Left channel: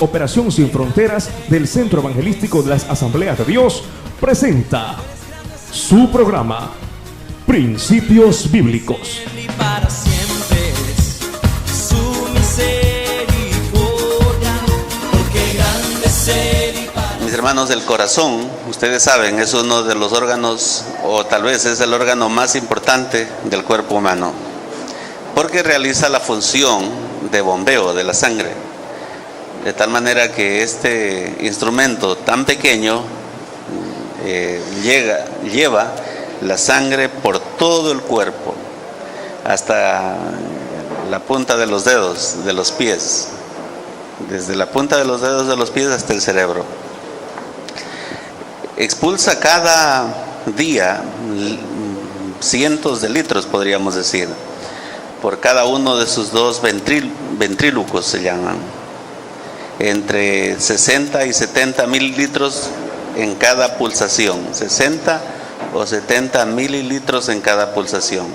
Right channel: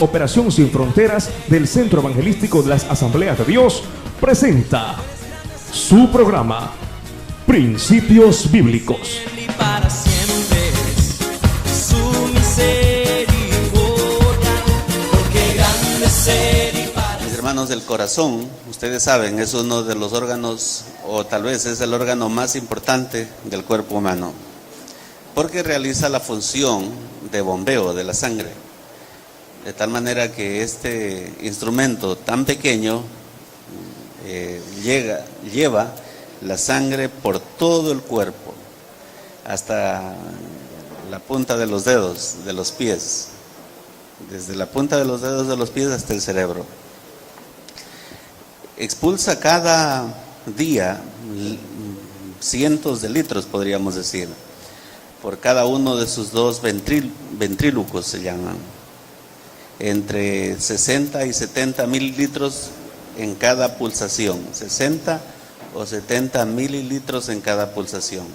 Operación Sin Fronteras del Centro Evangelístico de las Asambleas de Dios presenta su programa Principios Bíblicos. Para siempre es su misericordia, porque grande es misericordia. Mis hermanos, del corazón, ustedes saben, es uno de los órganos, o tal vez es el órgano más importante del cuerpo humano, porque realiza la función de bombeo de la sangre, de tal manera que este instrumento tan pequeño lleva la sangre por todo el cuerpo, hasta la punta de los dedos de los pies, desde la punta de los dedos de los pies hasta el cerebro. Expulsa cada día cientos de litros, podríamos decir, por cada uno de sus dos ventrílocos, se llaman, entre 60 y 70 mililitros en cada pulsación, 60 o 70 mililitros en cada pulsación.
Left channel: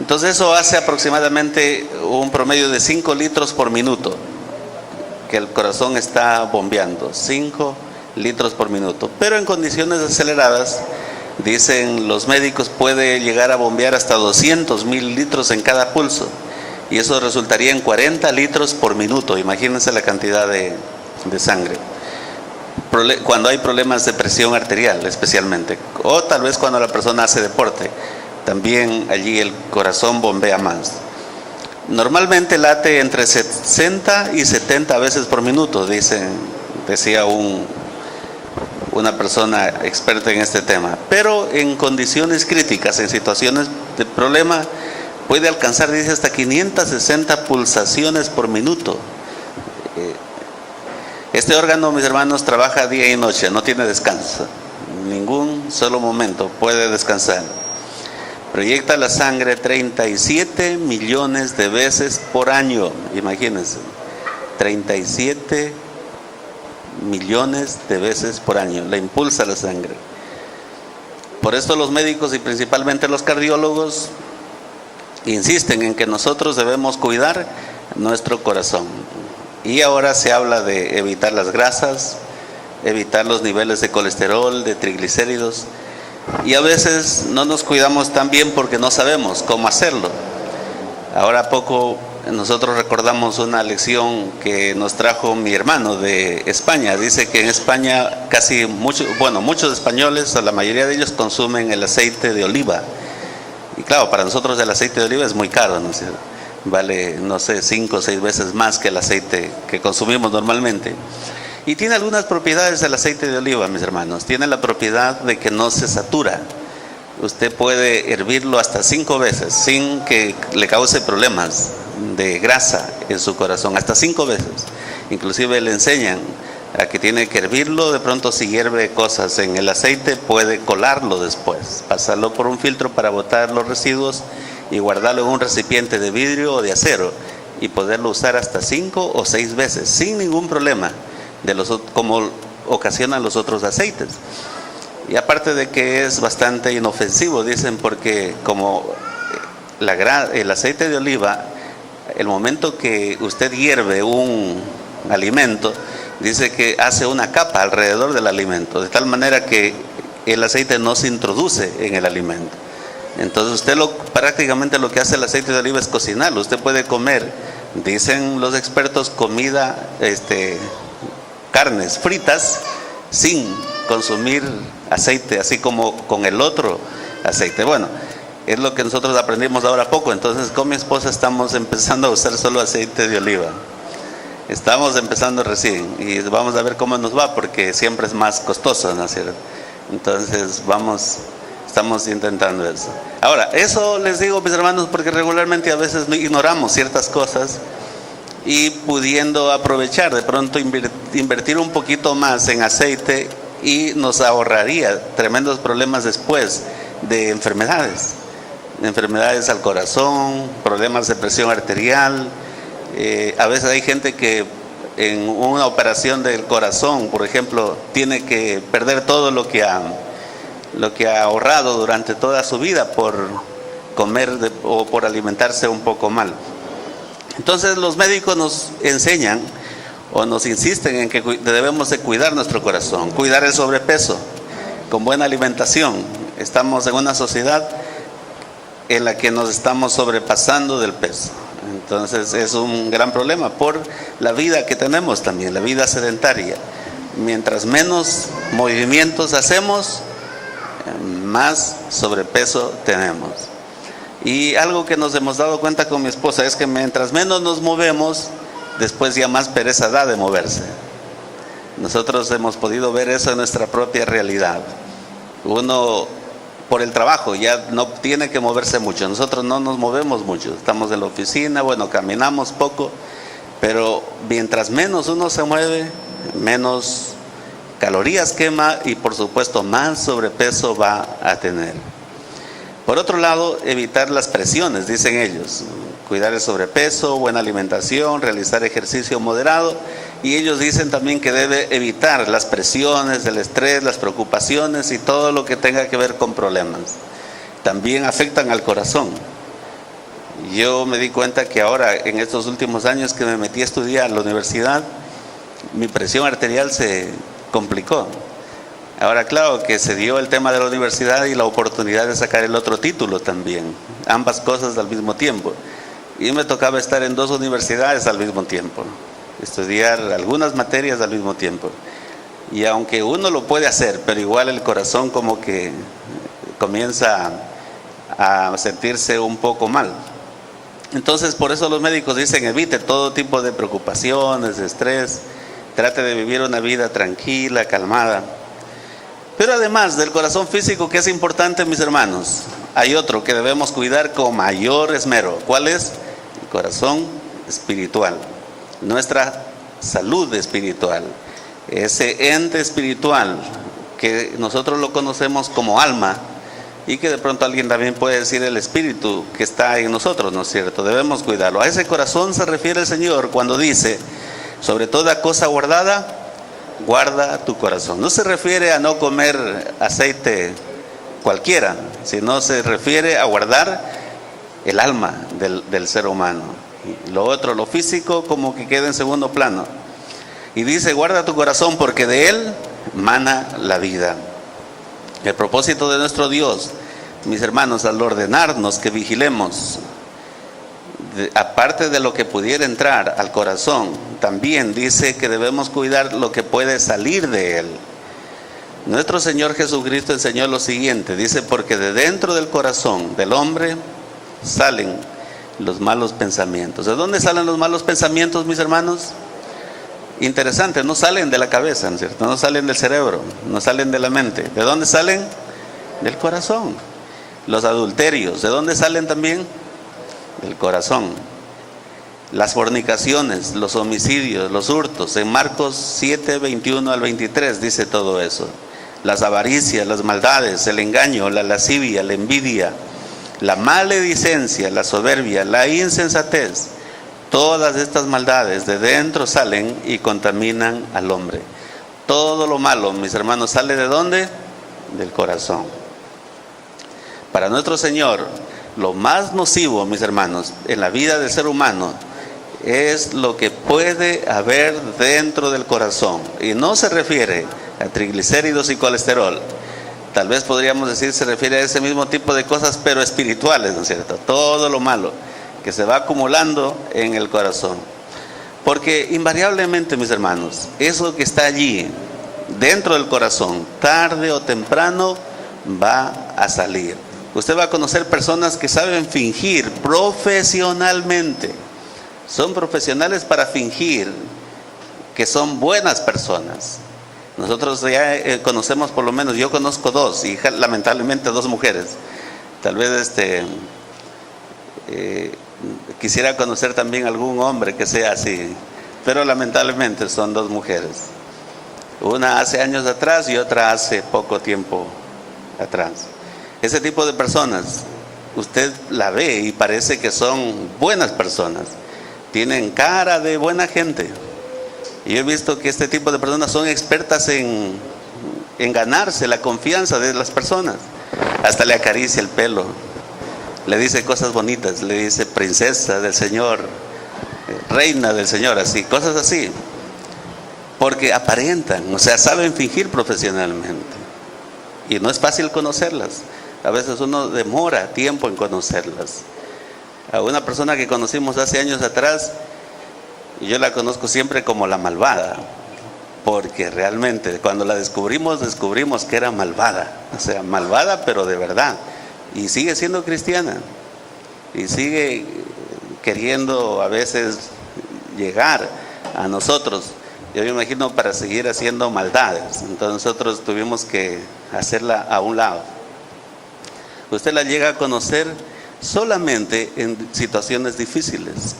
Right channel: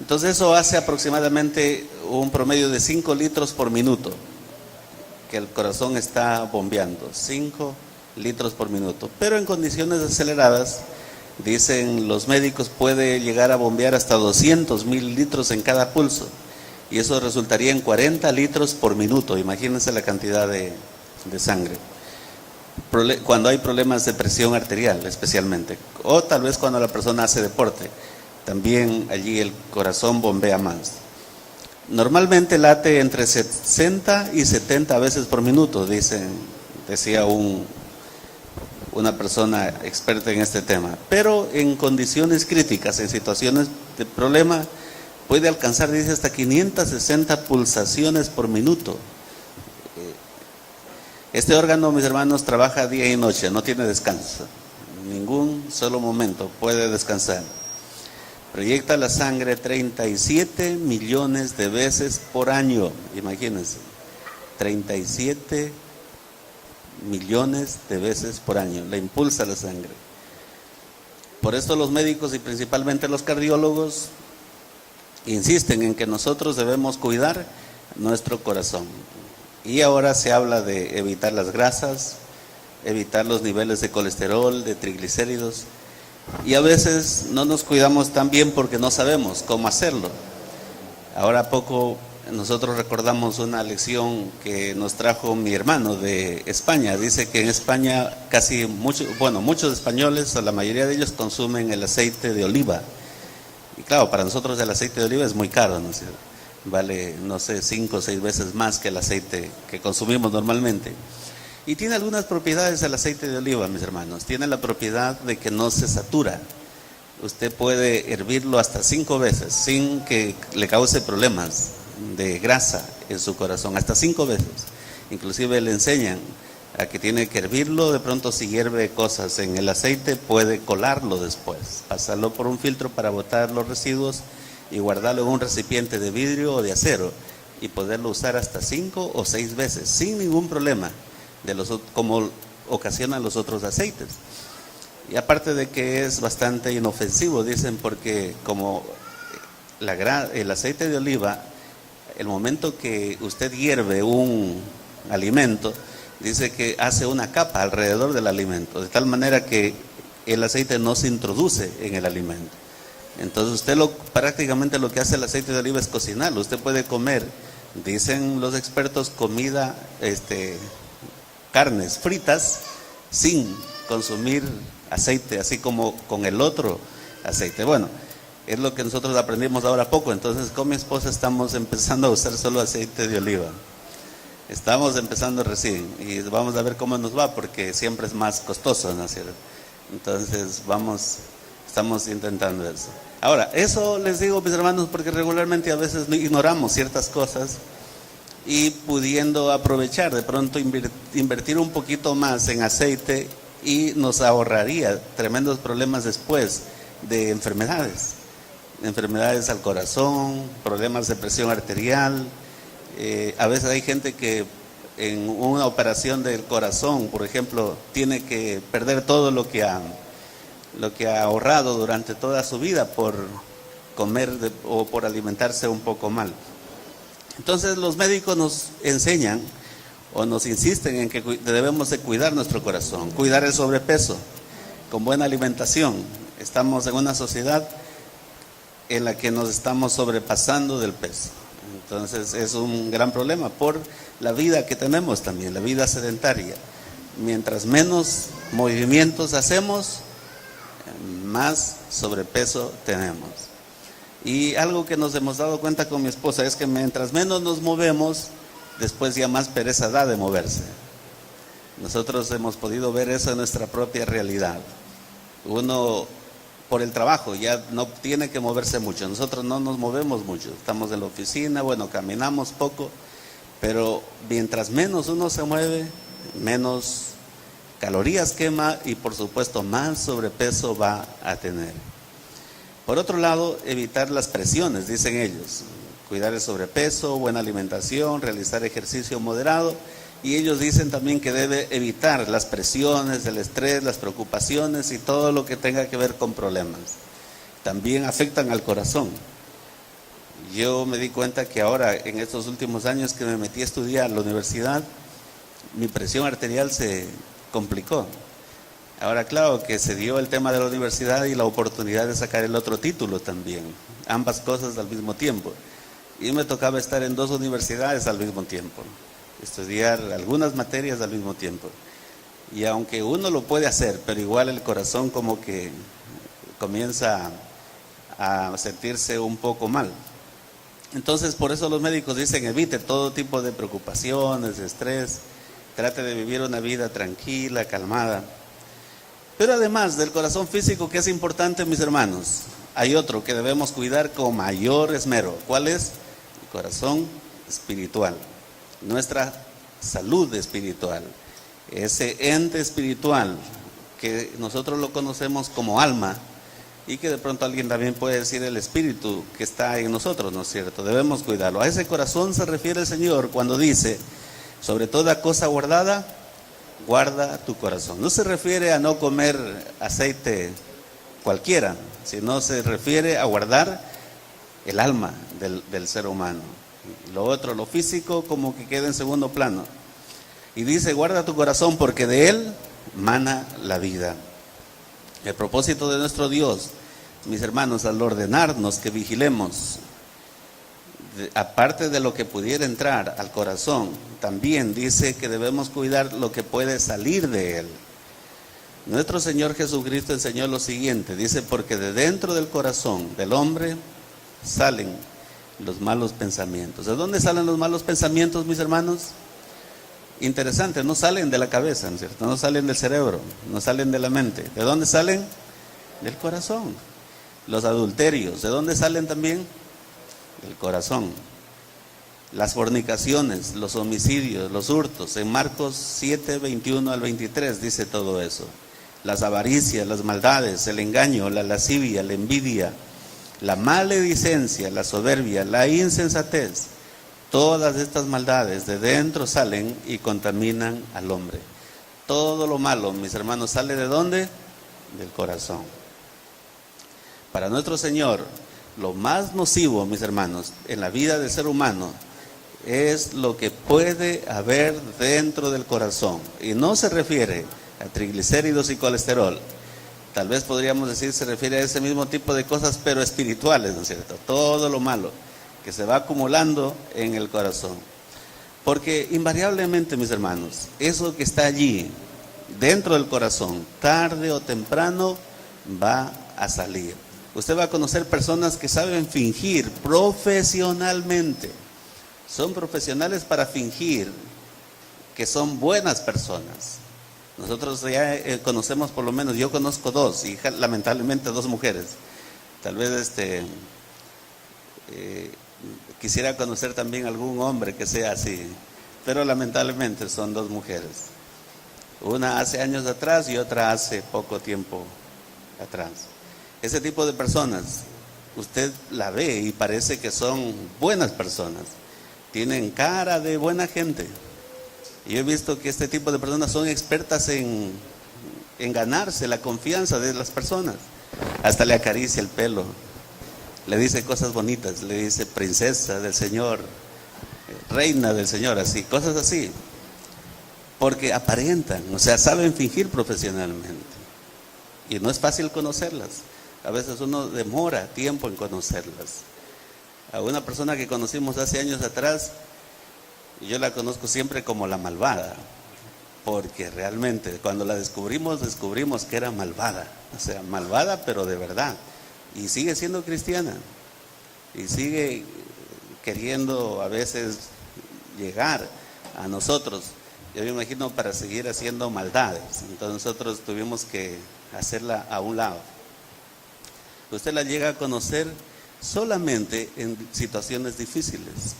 Entonces eso hace aproximadamente un promedio de 5 litros por minuto que el corazón está bombeando, 5 litros por minuto. Pero en condiciones aceleradas, dicen los médicos, puede llegar a bombear hasta 200 mililitros en cada pulso, y eso resultaría en 40 litros por minuto. Imagínense la cantidad de sangre. Cuando hay problemas de presión arterial especialmente, o tal vez cuando la persona hace deporte, también allí el corazón bombea más. Normalmente late entre 60 y 70 veces por minuto, decía una persona experta en este tema. Pero en condiciones críticas, en situaciones de problema, puede alcanzar, dice, hasta 560 pulsaciones por minuto. Este órgano, mis hermanos, trabaja día y noche, no tiene descanso, ningún solo momento puede descansar. Proyecta la sangre 37 millones de veces por año, imagínense, 37 millones de veces por año, la impulsa la sangre. Por esto los médicos y principalmente los cardiólogos insisten en que nosotros debemos cuidar nuestro corazón. Y ahora se habla de evitar las grasas, evitar los niveles de colesterol, de triglicéridos, y a veces no nos cuidamos tan bien porque no sabemos cómo hacerlo. Ahora poco nosotros recordamos una lección que nos trajo mi hermano de España. Dice que en España muchos españoles, o la mayoría de ellos, consumen el aceite de oliva. Y claro, para nosotros el aceite de oliva es muy caro, ¿no es cierto? Vale, no sé, 5 o 6 veces más que el aceite que consumimos normalmente. Y tiene algunas propiedades el aceite de oliva, mis hermanos. Tiene la propiedad de que no se satura. Usted puede hervirlo hasta 5 veces sin que le cause problemas de grasa en su corazón, hasta 5 veces. Inclusive le enseñan a que tiene que hervirlo. De pronto, si hierve cosas en el aceite, puede colarlo después, pasarlo por un filtro para botar los residuos y guardarlo en un recipiente de vidrio o de acero, y poderlo usar hasta 5 o 6 veces sin ningún problema, como ocasionan los otros aceites. Y aparte de que es bastante inofensivo, dicen, porque como el aceite de oliva, el momento que usted hierve un alimento, dice que hace una capa alrededor del alimento, de tal manera que el aceite no se introduce en el alimento. Entonces usted prácticamente lo que hace el aceite de oliva es cocinarlo. Usted puede comer, dicen los expertos, carnes fritas sin consumir aceite, así como con el otro aceite. Bueno, es lo que nosotros aprendimos ahora poco. Entonces con mi esposa estamos empezando a usar solo aceite de oliva. Estamos empezando recién y vamos a ver cómo nos va, porque siempre es más costoso, ¿no es cierto? Entonces estamos intentando eso. Ahora, eso les digo, mis hermanos, porque regularmente a veces ignoramos ciertas cosas, y pudiendo aprovechar, de pronto invertir un poquito más en aceite, y nos ahorraría tremendos problemas después de enfermedades al corazón, problemas de presión arterial. A veces hay gente que en una operación del corazón, por ejemplo, tiene que perder todo lo que ha ahorrado durante toda su vida por comer o por alimentarse un poco mal. Entonces los médicos nos enseñan o nos insisten en que debemos de cuidar nuestro corazón, cuidar el sobrepeso con buena alimentación. Estamos en una sociedad en la que nos estamos sobrepasando del peso. Entonces es un gran problema por la vida que tenemos también, la vida sedentaria. Mientras menos movimientos hacemos, más sobrepeso tenemos. Y algo que nos hemos dado cuenta con mi esposa es que mientras menos nos movemos, después ya más pereza da de moverse. Nosotros hemos podido ver eso en nuestra propia realidad. Uno por el trabajo ya no tiene que moverse mucho. Nosotros no nos movemos mucho. Estamos en la oficina, bueno, caminamos poco, pero mientras menos uno se mueve, menos calorías quema y por supuesto más sobrepeso va a tener. Por otro lado, evitar las presiones, dicen ellos. Cuidar el sobrepeso, buena alimentación, realizar ejercicio moderado. Y ellos dicen también que debe evitar las presiones, el estrés, las preocupaciones y todo lo que tenga que ver con problemas. También afectan al corazón. Yo me di cuenta que ahora, en estos últimos años que me metí a estudiar en la universidad, mi presión arterial se complicó. Ahora, claro que se dio el tema de la universidad y la oportunidad de sacar el otro título también, ambas cosas al mismo tiempo. Y me tocaba estar en 2 universidades al mismo tiempo, estudiar algunas materias al mismo tiempo. Y aunque uno lo puede hacer, pero igual el corazón como que comienza a sentirse un poco mal. Entonces, por eso los médicos dicen, evite todo tipo de preocupaciones, de estrés, trate de vivir una vida tranquila, calmada. Pero además del corazón físico, que es importante, mis hermanos, hay otro que debemos cuidar con mayor esmero. ¿Cuál es? El corazón espiritual, nuestra salud espiritual, ese ente espiritual que nosotros lo conocemos como alma y que de pronto alguien también puede decir el espíritu que está en nosotros, ¿no es cierto? Debemos cuidarlo. A ese corazón se refiere el Señor cuando dice, sobre toda cosa guardada, guarda tu corazón. No se refiere a no comer aceite cualquiera, sino se refiere a guardar el alma del ser humano. Y lo otro, lo físico, como que queda en segundo plano. Y dice, guarda tu corazón porque de él mana la vida. El propósito de nuestro Dios, mis hermanos, al ordenarnos que vigilemos, aparte de lo que pudiera entrar al corazón, también dice que debemos cuidar lo que puede salir de él. Nuestro Señor Jesucristo enseñó lo siguiente, dice, porque de dentro del corazón del hombre salen los malos pensamientos. ¿De dónde salen los malos pensamientos, mis hermanos? Interesante, no salen de la cabeza, ¿no es cierto? No salen del cerebro, no salen de la mente. ¿De dónde salen? Del corazón. Los adulterios, ¿de dónde salen también? Del corazón. Las fornicaciones, los homicidios, los hurtos, en Marcos 7, 21 al 23 dice todo eso. Las avaricias, las maldades, el engaño, la lascivia, la envidia, la maledicencia, la soberbia, la insensatez. Todas estas maldades de dentro salen y contaminan al hombre. Todo lo malo, mis hermanos, ¿sale de dónde? Del corazón. Para nuestro Señor, lo más nocivo, mis hermanos, en la vida del ser humano es lo que puede haber dentro del corazón. Y no se refiere a triglicéridos y colesterol. Tal vez podríamos decir se refiere a ese mismo tipo de cosas, pero espirituales, ¿no es cierto? Todo lo malo que se va acumulando en el corazón. Porque invariablemente, mis hermanos, eso que está allí, dentro del corazón, tarde o temprano va a salir. Usted va a conocer personas que saben fingir profesionalmente. Son profesionales para fingir que son buenas personas. Nosotros ya conocemos, por lo menos yo conozco 2, y lamentablemente 2 mujeres. Tal vez quisiera conocer también algún hombre que sea así, pero lamentablemente son 2 mujeres. Una hace años atrás y otra hace poco tiempo atrás. Ese tipo de personas, usted la ve y parece que son buenas personas. Tienen cara de buena gente. Y yo he visto que este tipo de personas son expertas en ganarse la confianza de las personas. Hasta le acaricia el pelo, le dice cosas bonitas, le dice princesa del Señor, reina del Señor, así, cosas así. porque aparentan, o sea, saben fingir profesionalmente. Y no es fácil conocerlas. A veces uno demora tiempo en conocerlas. A una persona que conocimos hace años atrás, yo la conozco siempre como la malvada, porque realmente cuando la descubrimos que era malvada, o sea, malvada pero de verdad, y sigue siendo cristiana, y sigue queriendo a veces llegar a nosotros, yo me imagino, para seguir haciendo maldades. Entonces nosotros tuvimos que hacerla a un lado. Usted la llega a conocer solamente en situaciones difíciles.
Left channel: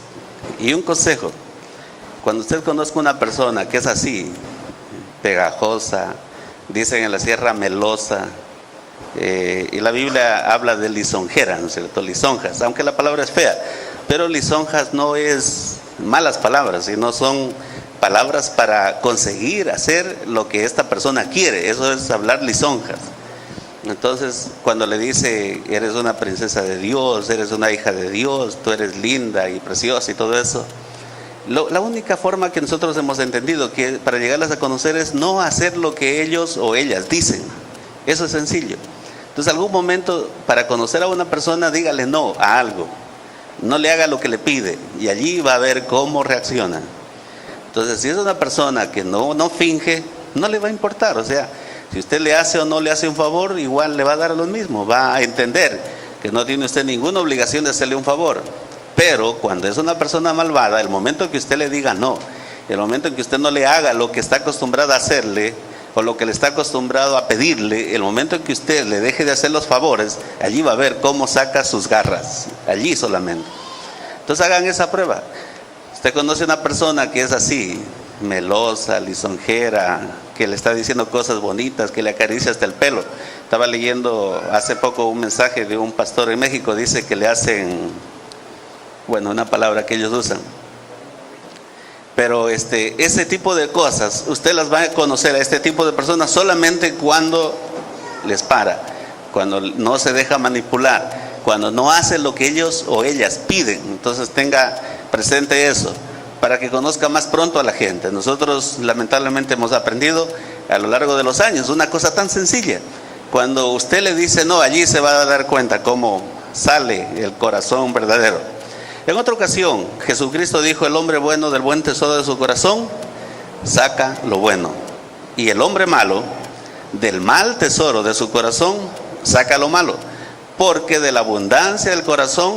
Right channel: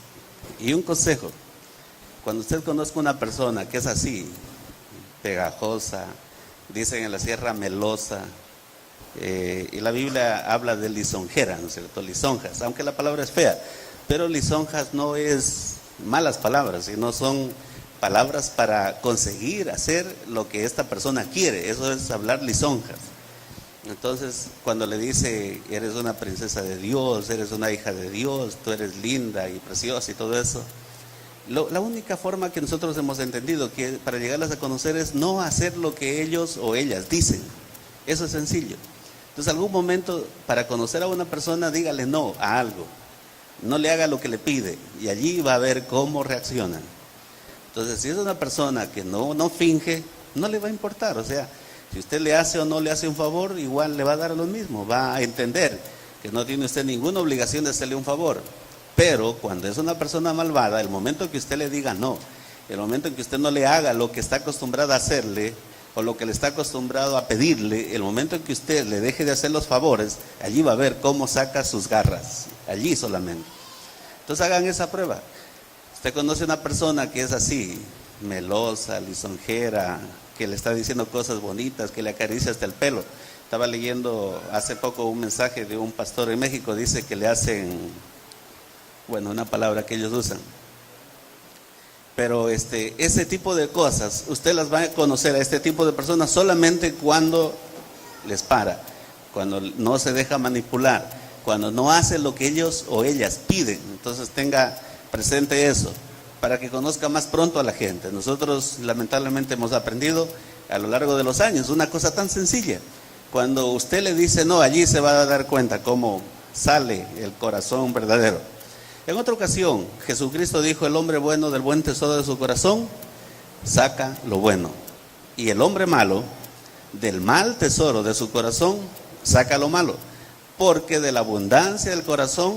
Y un consejo: cuando usted conozca una persona que es así, pegajosa, dicen en la sierra melosa, y la Biblia habla de lisonjera, ¿no es cierto? Lisonjas, aunque la palabra es fea, pero lisonjas no es malas palabras, sino son palabras para conseguir hacer lo que esta persona quiere. Eso es hablar lisonjas. Entonces, cuando le dice, eres una princesa de Dios, eres una hija de Dios, tú eres linda y preciosa y todo eso, la única forma que nosotros hemos entendido que para llegarlas a conocer es no hacer lo que ellos o ellas dicen. Eso es sencillo. Entonces, algún momento, para conocer a una persona, dígale no a algo. No le haga lo que le pide, y allí va a ver cómo reacciona. Entonces, si es una persona que no finge, no le va a importar. O sea, si usted le hace o no le hace un favor, igual le va a dar lo mismo. Va a entender que no tiene usted ninguna obligación de hacerle un favor. Pero cuando es una persona malvada, el momento que usted le diga no, el momento en que usted no le haga lo que está acostumbrado a hacerle, o lo que le está acostumbrado a pedirle, el momento en que usted le deje de hacer los favores, allí va a ver cómo saca sus garras. Allí solamente. Entonces hagan esa prueba. Usted conoce a una persona que es así, melosa, lisonjera, que le está diciendo cosas bonitas, que le acaricia hasta el pelo. Estaba leyendo hace poco un mensaje de un pastor en México, dice que le hacen, bueno, una palabra que ellos usan. Pero ese tipo de cosas, usted las va a conocer a este tipo de personas solamente cuando les para, cuando no se deja manipular, cuando no hace lo que ellos o ellas piden. Entonces tenga presente eso, para que conozca más pronto a la gente. Nosotros lamentablemente hemos aprendido a lo largo de los años una cosa tan sencilla. Cuando usted le dice no, allí se va a dar cuenta cómo sale el corazón verdadero. En otra ocasión, Jesucristo dijo: el hombre bueno del buen tesoro de su corazón saca lo bueno, y el hombre malo del mal tesoro de su corazón saca lo malo, porque de la abundancia del corazón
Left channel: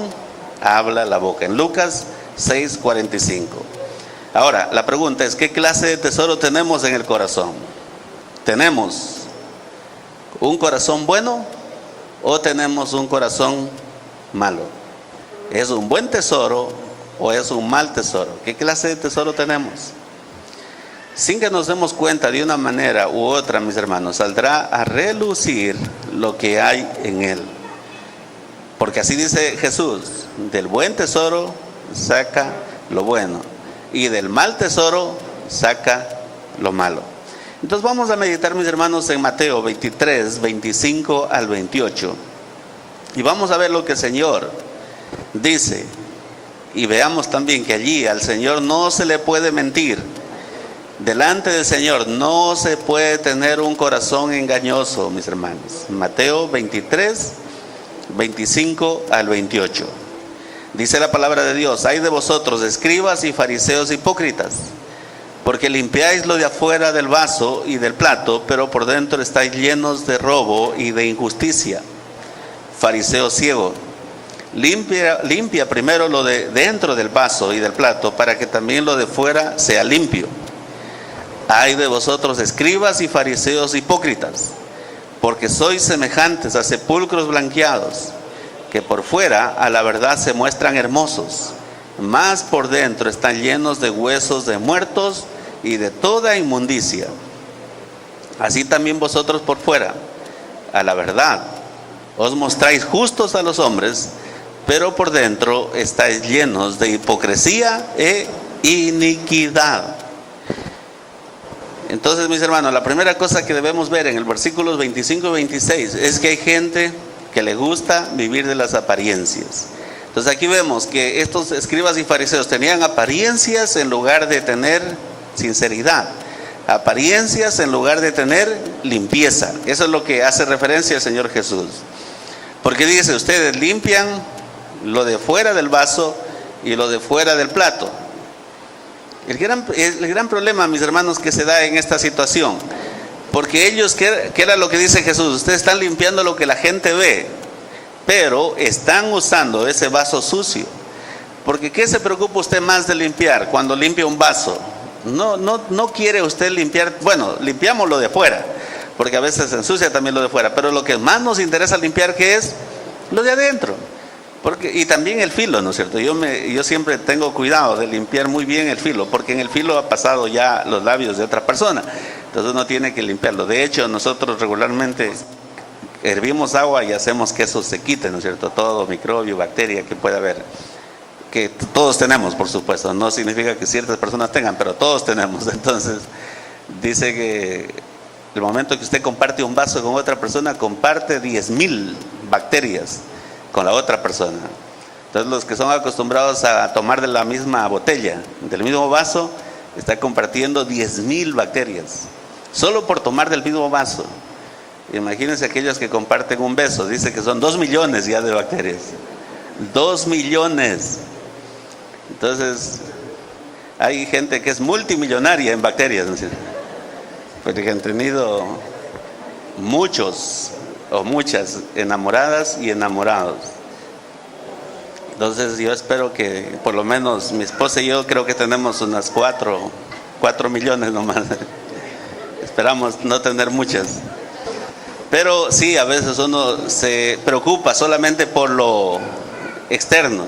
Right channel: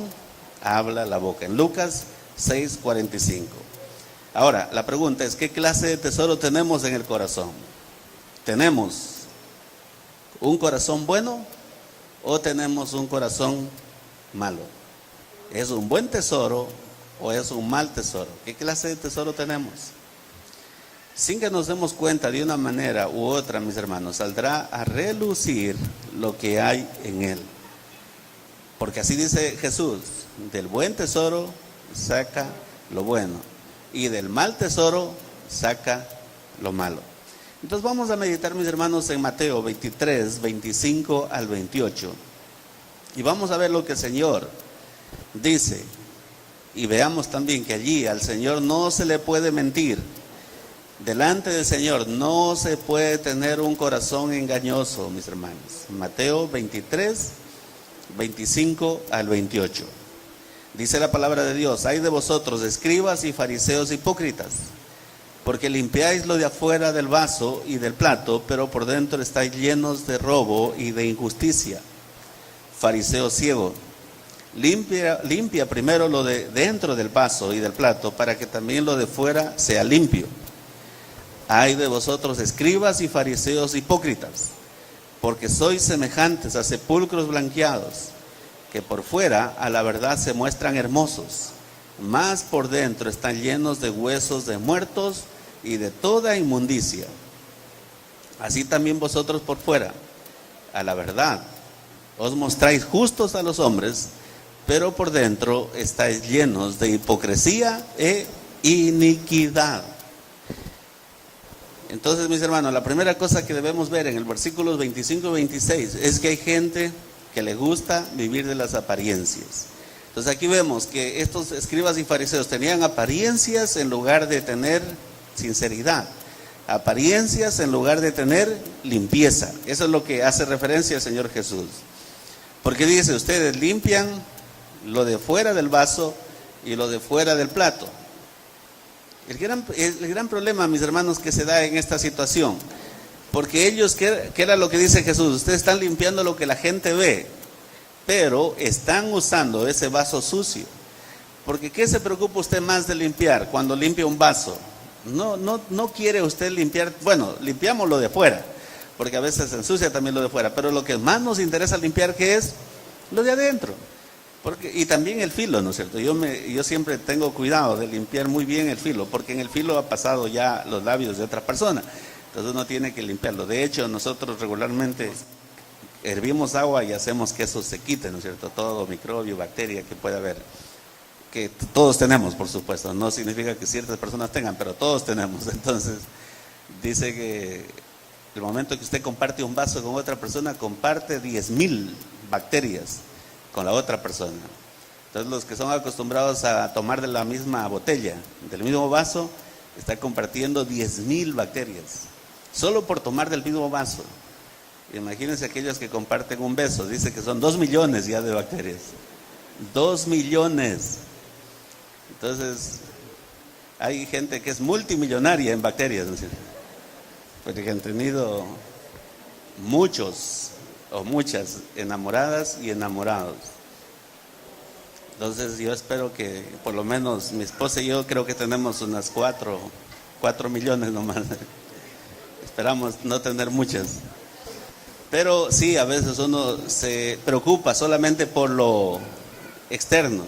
habla la boca. En Lucas 6:45. Ahora, la pregunta es: ¿qué clase de tesoro tenemos en el corazón? ¿Tenemos un corazón bueno o tenemos un corazón malo? ¿Es un buen tesoro o es un mal tesoro? ¿Qué clase de tesoro tenemos? Sin que nos demos cuenta, de una manera u otra, mis hermanos, saldrá a relucir lo que hay en él. Porque así dice Jesús: del buen tesoro saca lo bueno, y del mal tesoro saca lo malo. Entonces vamos a meditar, mis hermanos, en Mateo 23, 25 al 28. Y vamos a ver lo que el Señor dice. Y veamos también que allí al Señor no se le puede mentir. Delante del Señor no se puede tener un corazón engañoso, mis hermanos. Mateo 23, 25 al 28. Dice la palabra de Dios: ay de vosotros, escribas y fariseos hipócritas, porque limpiáis lo de afuera del vaso y del plato, pero por dentro estáis llenos de robo y de injusticia. Fariseo ciego, limpia primero lo de dentro del vaso y del plato, para que también lo de fuera sea limpio. Ay de vosotros, escribas y fariseos hipócritas, porque sois semejantes a sepulcros blanqueados, que por fuera a la verdad se muestran hermosos, mas por dentro están llenos de huesos de muertos y de toda inmundicia. Así también vosotros por fuera, a la verdad, os mostráis justos a los hombres, pero por dentro estáis llenos de hipocresía e iniquidad. Entonces, mis hermanos, la primera cosa que debemos ver en el versículos 25 y 26 es que hay gente que le gusta vivir de las apariencias. Entonces aquí vemos que estos escribas y fariseos tenían apariencias en lugar de tener sinceridad. apariencias en lugar de tener limpieza. Eso es lo que hace referencia el Señor Jesús. Porque dice, ustedes limpian lo de fuera del vaso y lo de fuera del plato. El gran problema, mis hermanos, que se da en esta situación, porque ellos, ¿qué era lo que dice Jesús? Ustedes están limpiando lo que la gente ve, pero están usando ese vaso sucio. Porque ¿qué se preocupa usted más de limpiar cuando limpia un vaso? No quiere usted limpiar, bueno, limpiamos lo de fuera, porque a veces se ensucia también lo de fuera, pero lo que más nos interesa limpiar, ¿qué es? Lo de adentro. Y también el filo, ¿no es cierto? Yo siempre tengo cuidado de limpiar muy bien el filo, porque en el filo ha pasado ya los labios de otra persona, entonces uno tiene que limpiarlo. De hecho, nosotros regularmente hervimos agua y hacemos que eso se quite, ¿no es cierto? Todo microbio, bacteria que pueda haber, que todos tenemos, por supuesto, no significa que ciertas personas tengan, pero todos tenemos. Entonces, dice que el momento que usted comparte un vaso con otra persona, comparte 10,000 bacterias con la otra persona. Entonces, los que son acostumbrados a tomar de la misma botella, del mismo vaso, está compartiendo 10,000 bacterias, solo por tomar del mismo vaso. Imagínense aquellos que comparten un beso, dice que son 2 millones ya de bacterias. 2 millones. Entonces, hay gente que es multimillonaria en bacterias, ¿no es cierto? Porque han tenido muchos o muchas enamoradas y enamorados. Entonces, yo espero que por lo menos mi esposa y yo creo que tenemos unas 4 millones nomás. Esperamos no tener muchas. Pero sí, a veces uno se preocupa solamente por lo externo.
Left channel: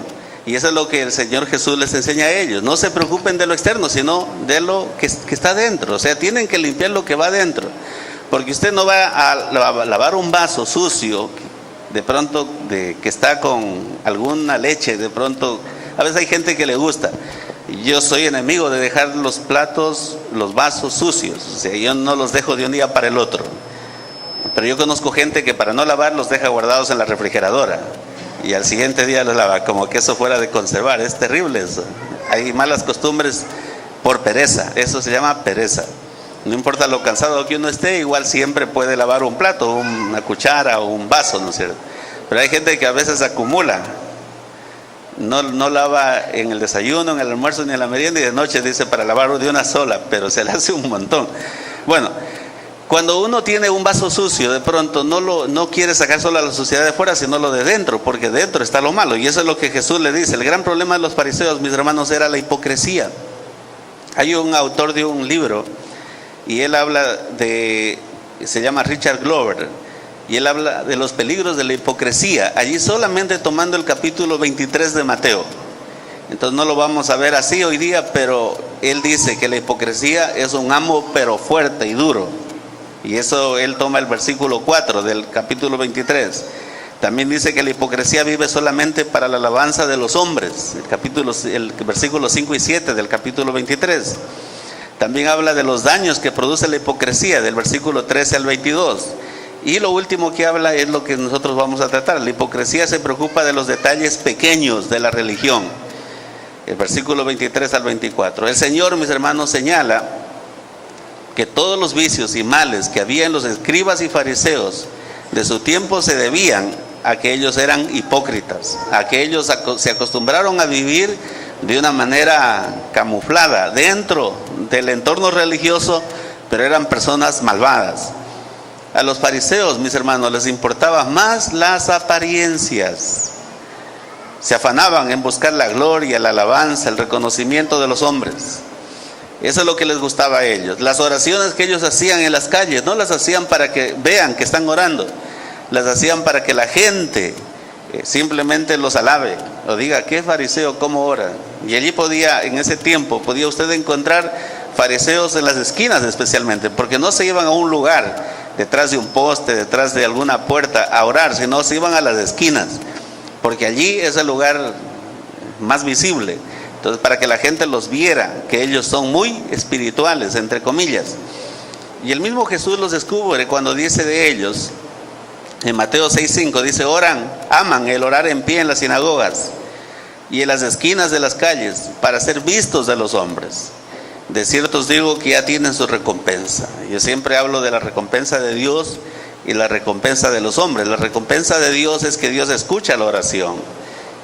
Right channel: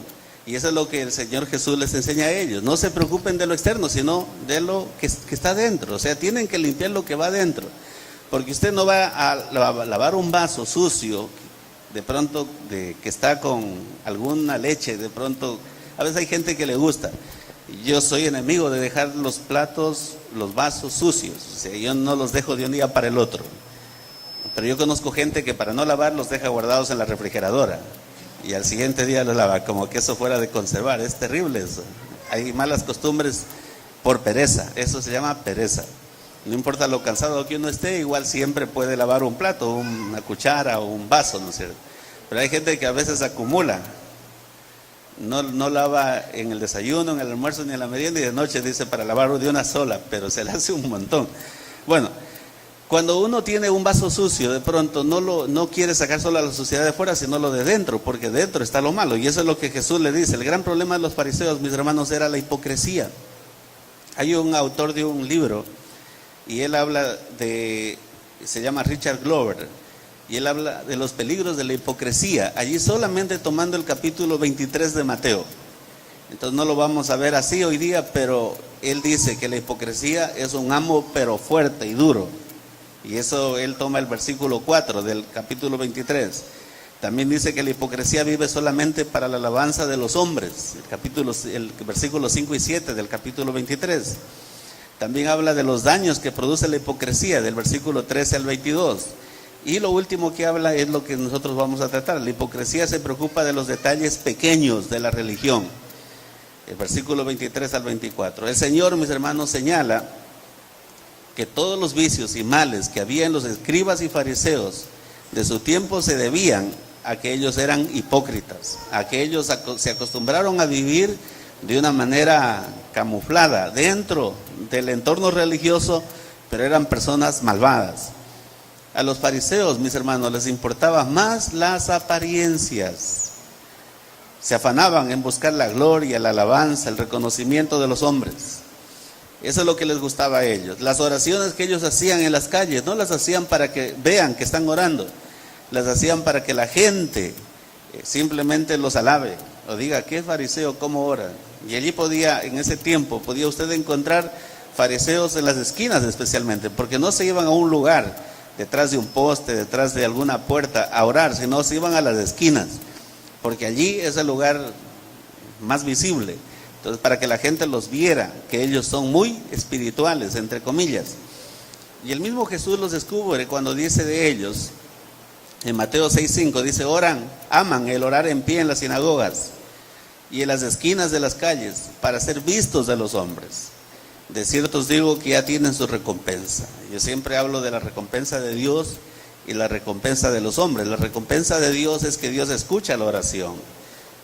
Y eso es lo que el Señor Jesús les enseña a ellos. No se preocupen de lo externo, sino de lo que está dentro. O sea, tienen que limpiar lo que va dentro. Porque usted no va a lavar un vaso sucio, de pronto que está con alguna leche, de pronto. A veces hay gente que le gusta. Yo soy enemigo de dejar los platos, los vasos sucios. O sea, yo no los dejo de un día para el otro. Pero yo conozco gente que para no lavar los deja guardados en la refrigeradora. Y al siguiente día los lava, como que eso fuera de conservar. Es terrible eso. Hay malas costumbres por pereza. Eso se llama pereza. No importa lo cansado que uno esté, igual siempre puede lavar un plato, una cuchara o un vaso, ¿no es cierto? Pero hay gente que a veces acumula. No lava en el desayuno, en el almuerzo ni en la merienda, y de noche dice para lavar de una sola, pero se le hace un montón. Bueno, cuando uno tiene un vaso sucio, de pronto no quiere sacar solo la suciedad de fuera, sino lo de dentro, porque dentro está lo malo. Y eso es lo que Jesús le dice. El gran problema de los fariseos, mis hermanos, era la hipocresía. Hay un autor de un libro, y él habla se llama Richard Glover, y él habla de los peligros de la hipocresía, allí solamente tomando el capítulo 23 de Mateo. Entonces no lo vamos a ver así hoy día, pero él dice que la hipocresía es un amo pero fuerte y duro. Y eso él toma el versículo 4 del capítulo 23. También dice que la hipocresía vive solamente para la alabanza de los hombres, el versículo 5 y 7 del capítulo 23. También habla de los daños que produce la hipocresía, del versículo 13 al 22. Y lo último que habla es lo que nosotros vamos a tratar. La hipocresía se preocupa de los detalles pequeños de la religión. El versículo 23 al 24. El Señor, mis hermanos, señala que todos los vicios y males que había en los escribas y fariseos de su tiempo se debían a que ellos eran hipócritas, a que ellos se acostumbraron a vivir de una manera camuflada dentro del entorno religioso, pero eran personas malvadas. A los fariseos, mis hermanos, les importaban más las apariencias. Se afanaban en buscar la gloria, la alabanza, el reconocimiento de los hombres. Eso es lo que les gustaba a ellos. Las oraciones que ellos hacían en las calles, no las hacían para que vean que están orando, las hacían para que la gente simplemente los alabe o diga, ¿qué fariseo cómo ora? Y allí en ese tiempo podía usted encontrar fariseos en las esquinas especialmente, porque no se iban a un lugar detrás de un poste, detrás de alguna puerta a orar, sino se iban a las esquinas, porque allí es el lugar más visible. Entonces, para que la gente los viera, que ellos son muy espirituales, entre comillas. Y el mismo Jesús los descubre cuando dice de ellos, en Mateo 6:5, dice, aman el orar en pie en las sinagogas y en las esquinas de las calles para ser vistos de los hombres. de cierto os digo que ya tienen su recompensa. Yo siempre hablo de la recompensa de Dios y la recompensa de los hombres. La recompensa de Dios es que Dios escucha la oración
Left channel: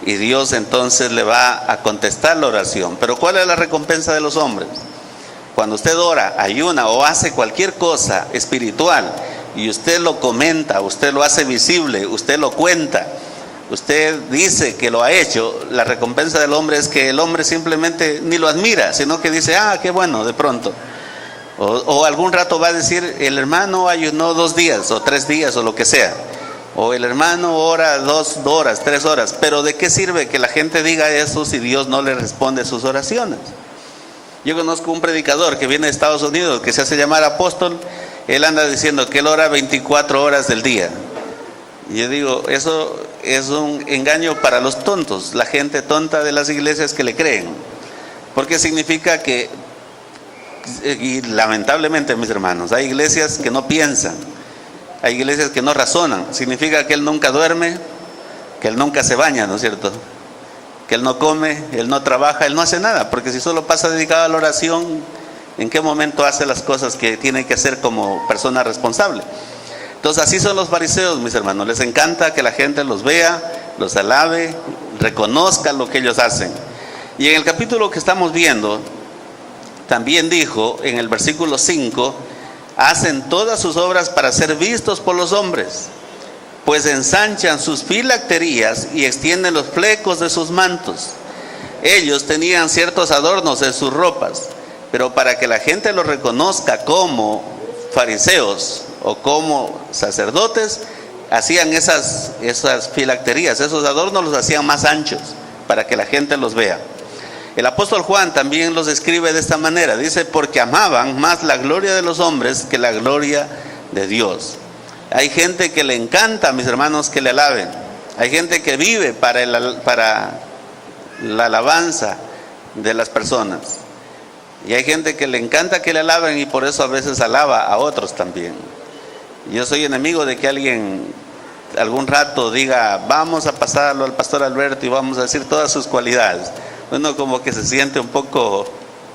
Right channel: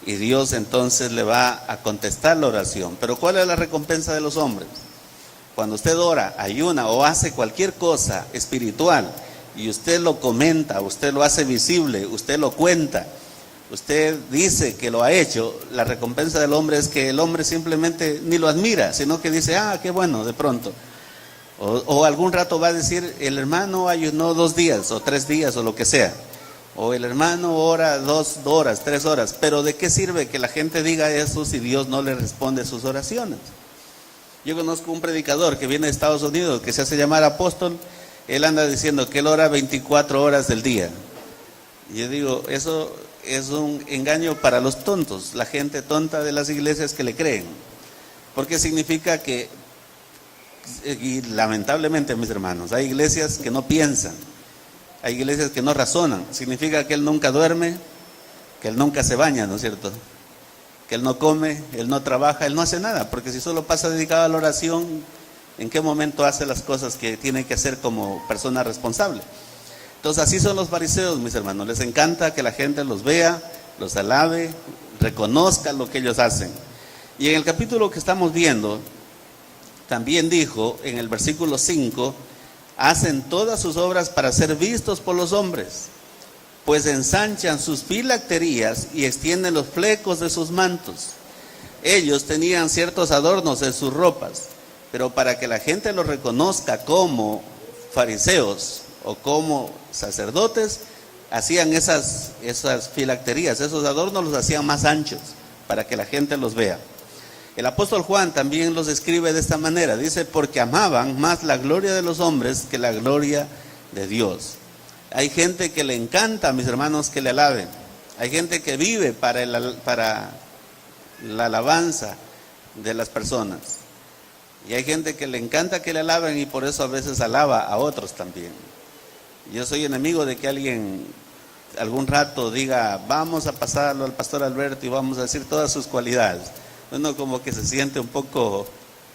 y Dios entonces le va a contestar la oración. Pero ¿cuál es la recompensa de los hombres? Cuando usted ora, ayuna o hace cualquier cosa espiritual y usted lo comenta, usted lo hace visible, usted lo cuenta, usted dice que lo ha hecho, la recompensa del hombre es que el hombre simplemente ni lo admira, sino que dice, ah, qué bueno, de pronto. O algún rato va a decir, el hermano ayunó 2 días o 3 días o lo que sea. O el hermano ora 2 horas, 3 horas. Pero ¿de qué sirve que la gente diga eso si Dios no le responde sus oraciones? Yo conozco un predicador que viene de Estados Unidos, que se hace llamar apóstol. Él anda diciendo que él ora 24 horas del día. Y yo digo, eso es un engaño para los tontos, la gente tonta de las iglesias que le creen. Porque significa que, y lamentablemente mis hermanos, hay iglesias que no piensan, hay iglesias que no razonan. Significa que él nunca duerme, que él nunca se baña, ¿no es cierto? Que él no come, él no trabaja, él no hace nada, porque si solo pasa dedicado a la oración, ¿en qué momento hace las cosas que tiene que hacer como persona responsable? Entonces así son los fariseos, mis hermanos. Les encanta que la gente los vea, los alabe, reconozca lo que ellos hacen. Y en el capítulo que estamos viendo, también dijo en el versículo 5, hacen todas sus obras para ser vistos por los hombres, pues ensanchan sus filacterías y extienden los flecos de sus mantos. Ellos tenían ciertos adornos en sus ropas, pero para que la gente los reconozca como fariseos o como sacerdotes, hacían esas filacterías, esos adornos los hacían más anchos para que la gente los vea. El apóstol Juan también los describe de esta manera, dice, porque amaban más la gloria de los hombres que la gloria de Dios. Hay gente que le encanta, mis hermanos, que le alaben. Hay gente que vive para la alabanza de las personas. Y hay gente que le encanta que le alaben y por eso a veces alaba a otros también. Yo soy enemigo de que alguien algún rato diga, vamos a pasarlo al pastor Alberto y vamos a decir todas sus cualidades. Uno como que se siente un poco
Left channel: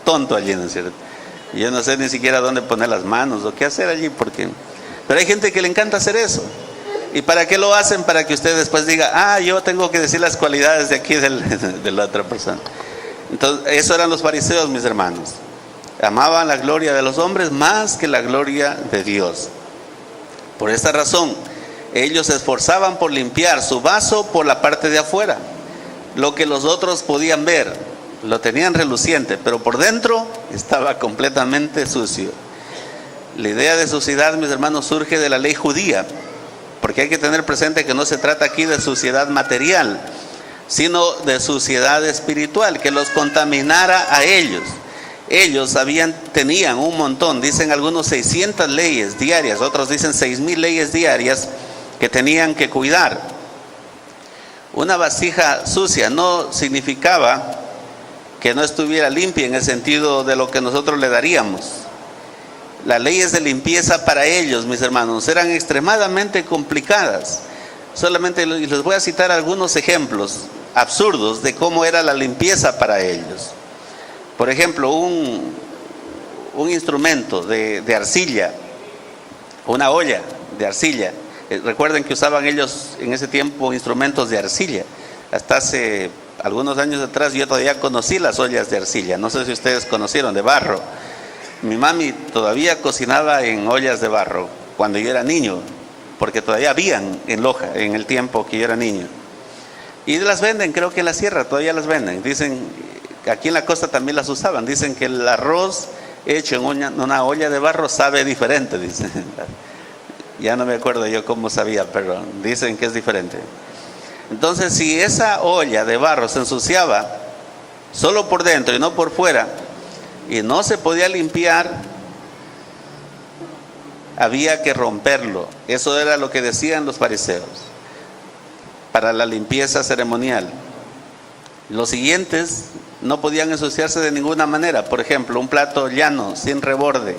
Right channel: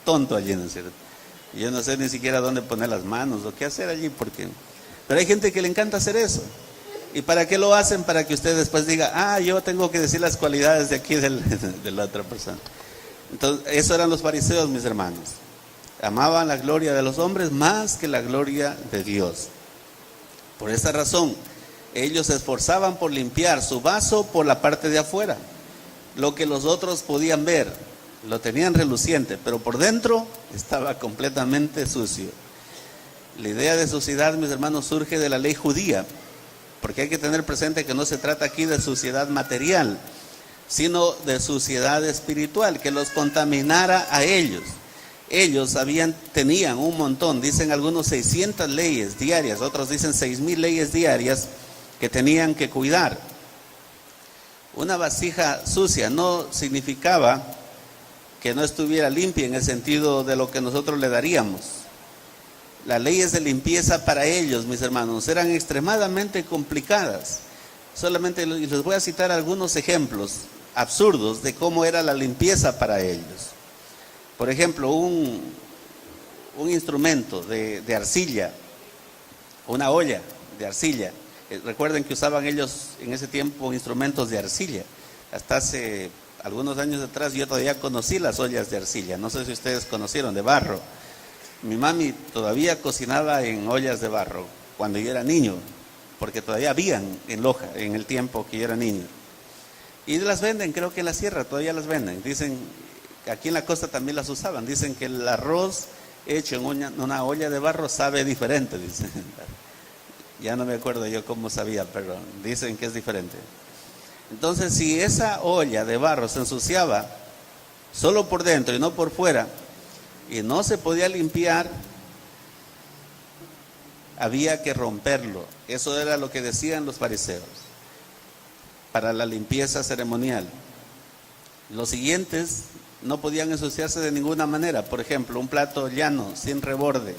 tonto allí, ¿no es cierto? Yo no sé ni siquiera dónde poner las manos o qué hacer allí, porque... Pero hay gente que le encanta hacer eso. ¿Y para qué lo hacen? Para que usted después diga, ah, yo tengo que decir las cualidades de aquí de la otra persona. Entonces, eso eran los fariseos, mis hermanos. Amaban la gloria de los hombres más que la gloria de Dios. Por esta razón, ellos se esforzaban por limpiar su vaso por la parte de afuera. Lo que los otros podían ver, lo tenían reluciente, pero por dentro estaba completamente sucio. La idea de suciedad, mis hermanos, surge de la ley judía, porque hay que tener presente que no se trata aquí de suciedad material, sino de suciedad espiritual, que los contaminara a ellos. Ellos tenían un montón, dicen algunos 600 leyes diarias, otros dicen 6,000 leyes diarias que tenían que cuidar. Una vasija sucia no significaba que no estuviera limpia en el sentido de lo que nosotros le daríamos. Las leyes de limpieza para ellos, mis hermanos, eran extremadamente complicadas. Solamente les voy a citar algunos ejemplos absurdos de cómo era la limpieza para ellos. Por ejemplo, un instrumento de arcilla, una olla de arcilla. Recuerden que usaban ellos en ese tiempo instrumentos de arcilla. Hasta hace algunos años atrás yo todavía conocí las ollas de arcilla. No sé si ustedes conocieron, de barro. Mi mami todavía cocinaba en ollas de barro cuando yo era niño, porque todavía habían en Loja en el tiempo que yo era niño. Y las venden, creo que en la sierra todavía las venden. Dicen, aquí en la costa también las usaban. Dicen que el arroz hecho en una olla de barro sabe diferente, dicen. Ya no me acuerdo yo cómo sabía, pero dicen que es diferente. Entonces, si esa olla de barro se ensuciaba solo por dentro y no por fuera, y no se podía limpiar, había que romperlo. Eso era lo que decían los fariseos para la limpieza ceremonial. Los siguientes no podían ensuciarse de ninguna manera. Por ejemplo, un plato llano, sin reborde,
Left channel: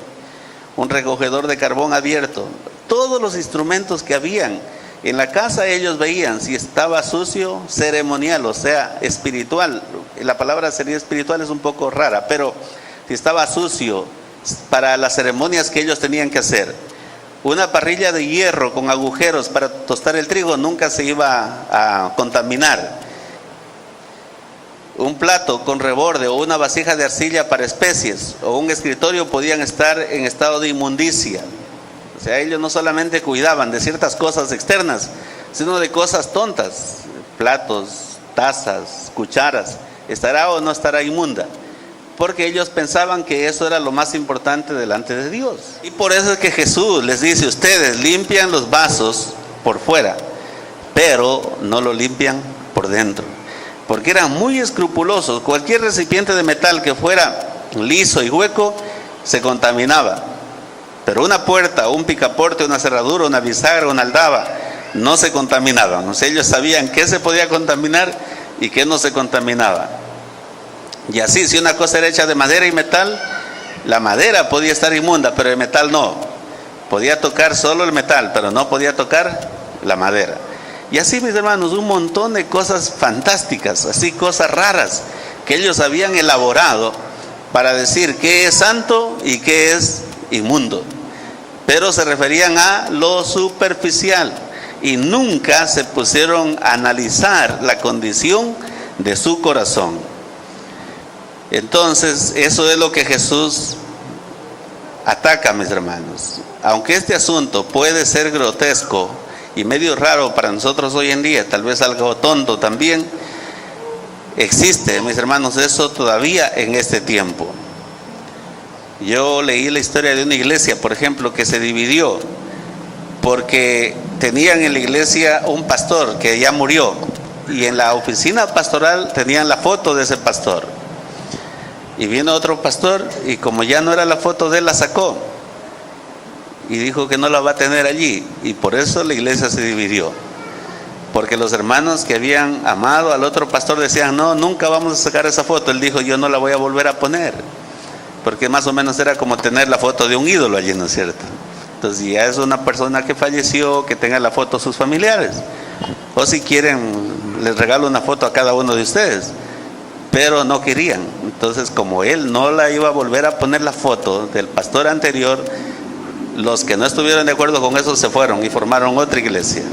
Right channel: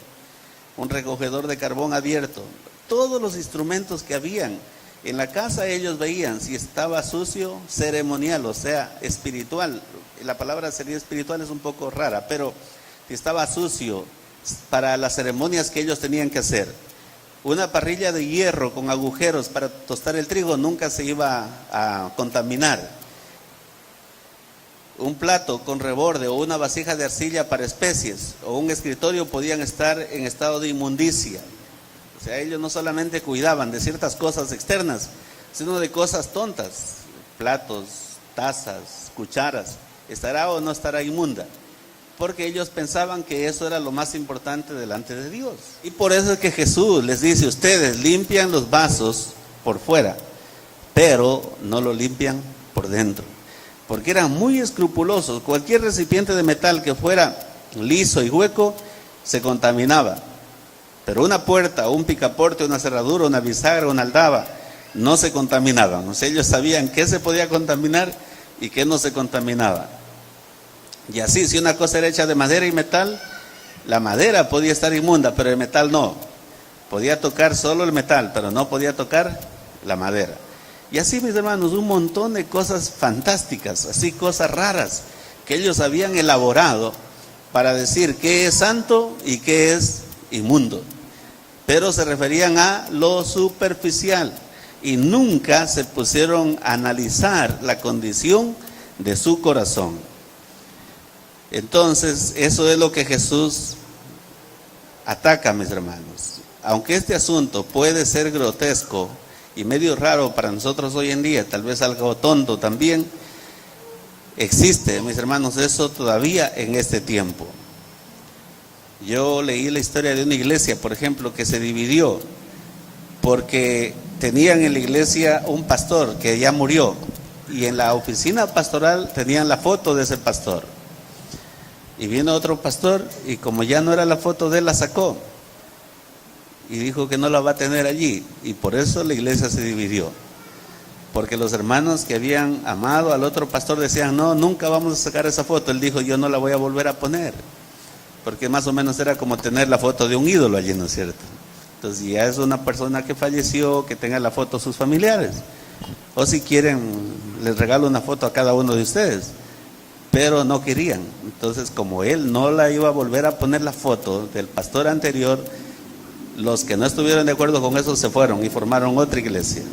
un recogedor de carbón abierto. Todos los instrumentos que habían en la casa, ellos veían si estaba sucio, ceremonial, o sea, espiritual. La palabra sería espiritual, es un poco rara, pero si estaba sucio, para las ceremonias que ellos tenían que hacer. Una parrilla de hierro con agujeros para tostar el trigo nunca se iba a contaminar. Un plato con reborde o una vasija de arcilla para especies o un escritorio podían estar en estado de inmundicia. O sea, ellos no solamente cuidaban de ciertas cosas externas, sino de cosas tontas, platos, tazas, cucharas, ¿estará o no estará inmunda? Porque ellos pensaban que eso era lo más importante delante de Dios. Y por eso es que Jesús les dice, ustedes limpian los vasos por fuera, pero no lo limpian por dentro. Porque eran muy escrupulosos. Cualquier recipiente de metal que fuera liso y hueco se contaminaba. Pero una puerta, un picaporte, una cerradura, una bisagra, una aldaba, no se contaminaban. O sea, ellos sabían qué se podía contaminar y qué no se contaminaba. Y así, si una cosa era hecha de madera y metal, la madera podía estar inmunda, pero el metal no. Podía tocar solo el metal, pero no podía tocar la madera. Y así, mis hermanos, un montón de cosas fantásticas, así cosas raras, que ellos habían elaborado para decir qué es santo y qué es inmundo. Pero se referían a lo superficial y nunca se pusieron a analizar la condición de su corazón. Entonces, eso es lo que Jesús ataca, mis hermanos. Aunque este asunto puede ser grotesco y medio raro para nosotros hoy en día, tal vez algo tonto también, existe, mis hermanos, eso todavía en este tiempo. Yo leí la historia de una iglesia, por ejemplo, que se dividió porque tenían en la iglesia un pastor que ya murió y en la oficina pastoral tenían la foto de ese pastor. Y vino otro pastor y como ya no era la foto de él, la sacó y dijo que no la va a tener allí, y por eso la iglesia se dividió, porque los hermanos que habían amado al otro pastor decían, no, nunca vamos a sacar esa foto. Él dijo, yo no la voy a volver a poner, porque más o menos era como tener la foto de un ídolo allí, ¿no es cierto? Entonces ya es una persona que falleció, que tenga la foto sus familiares, o si quieren les regalo una foto a cada uno de ustedes, pero no querían. Entonces, como él no la iba a volver a poner la foto del pastor anterior, los que no estuvieron de acuerdo con eso se fueron y formaron otra iglesia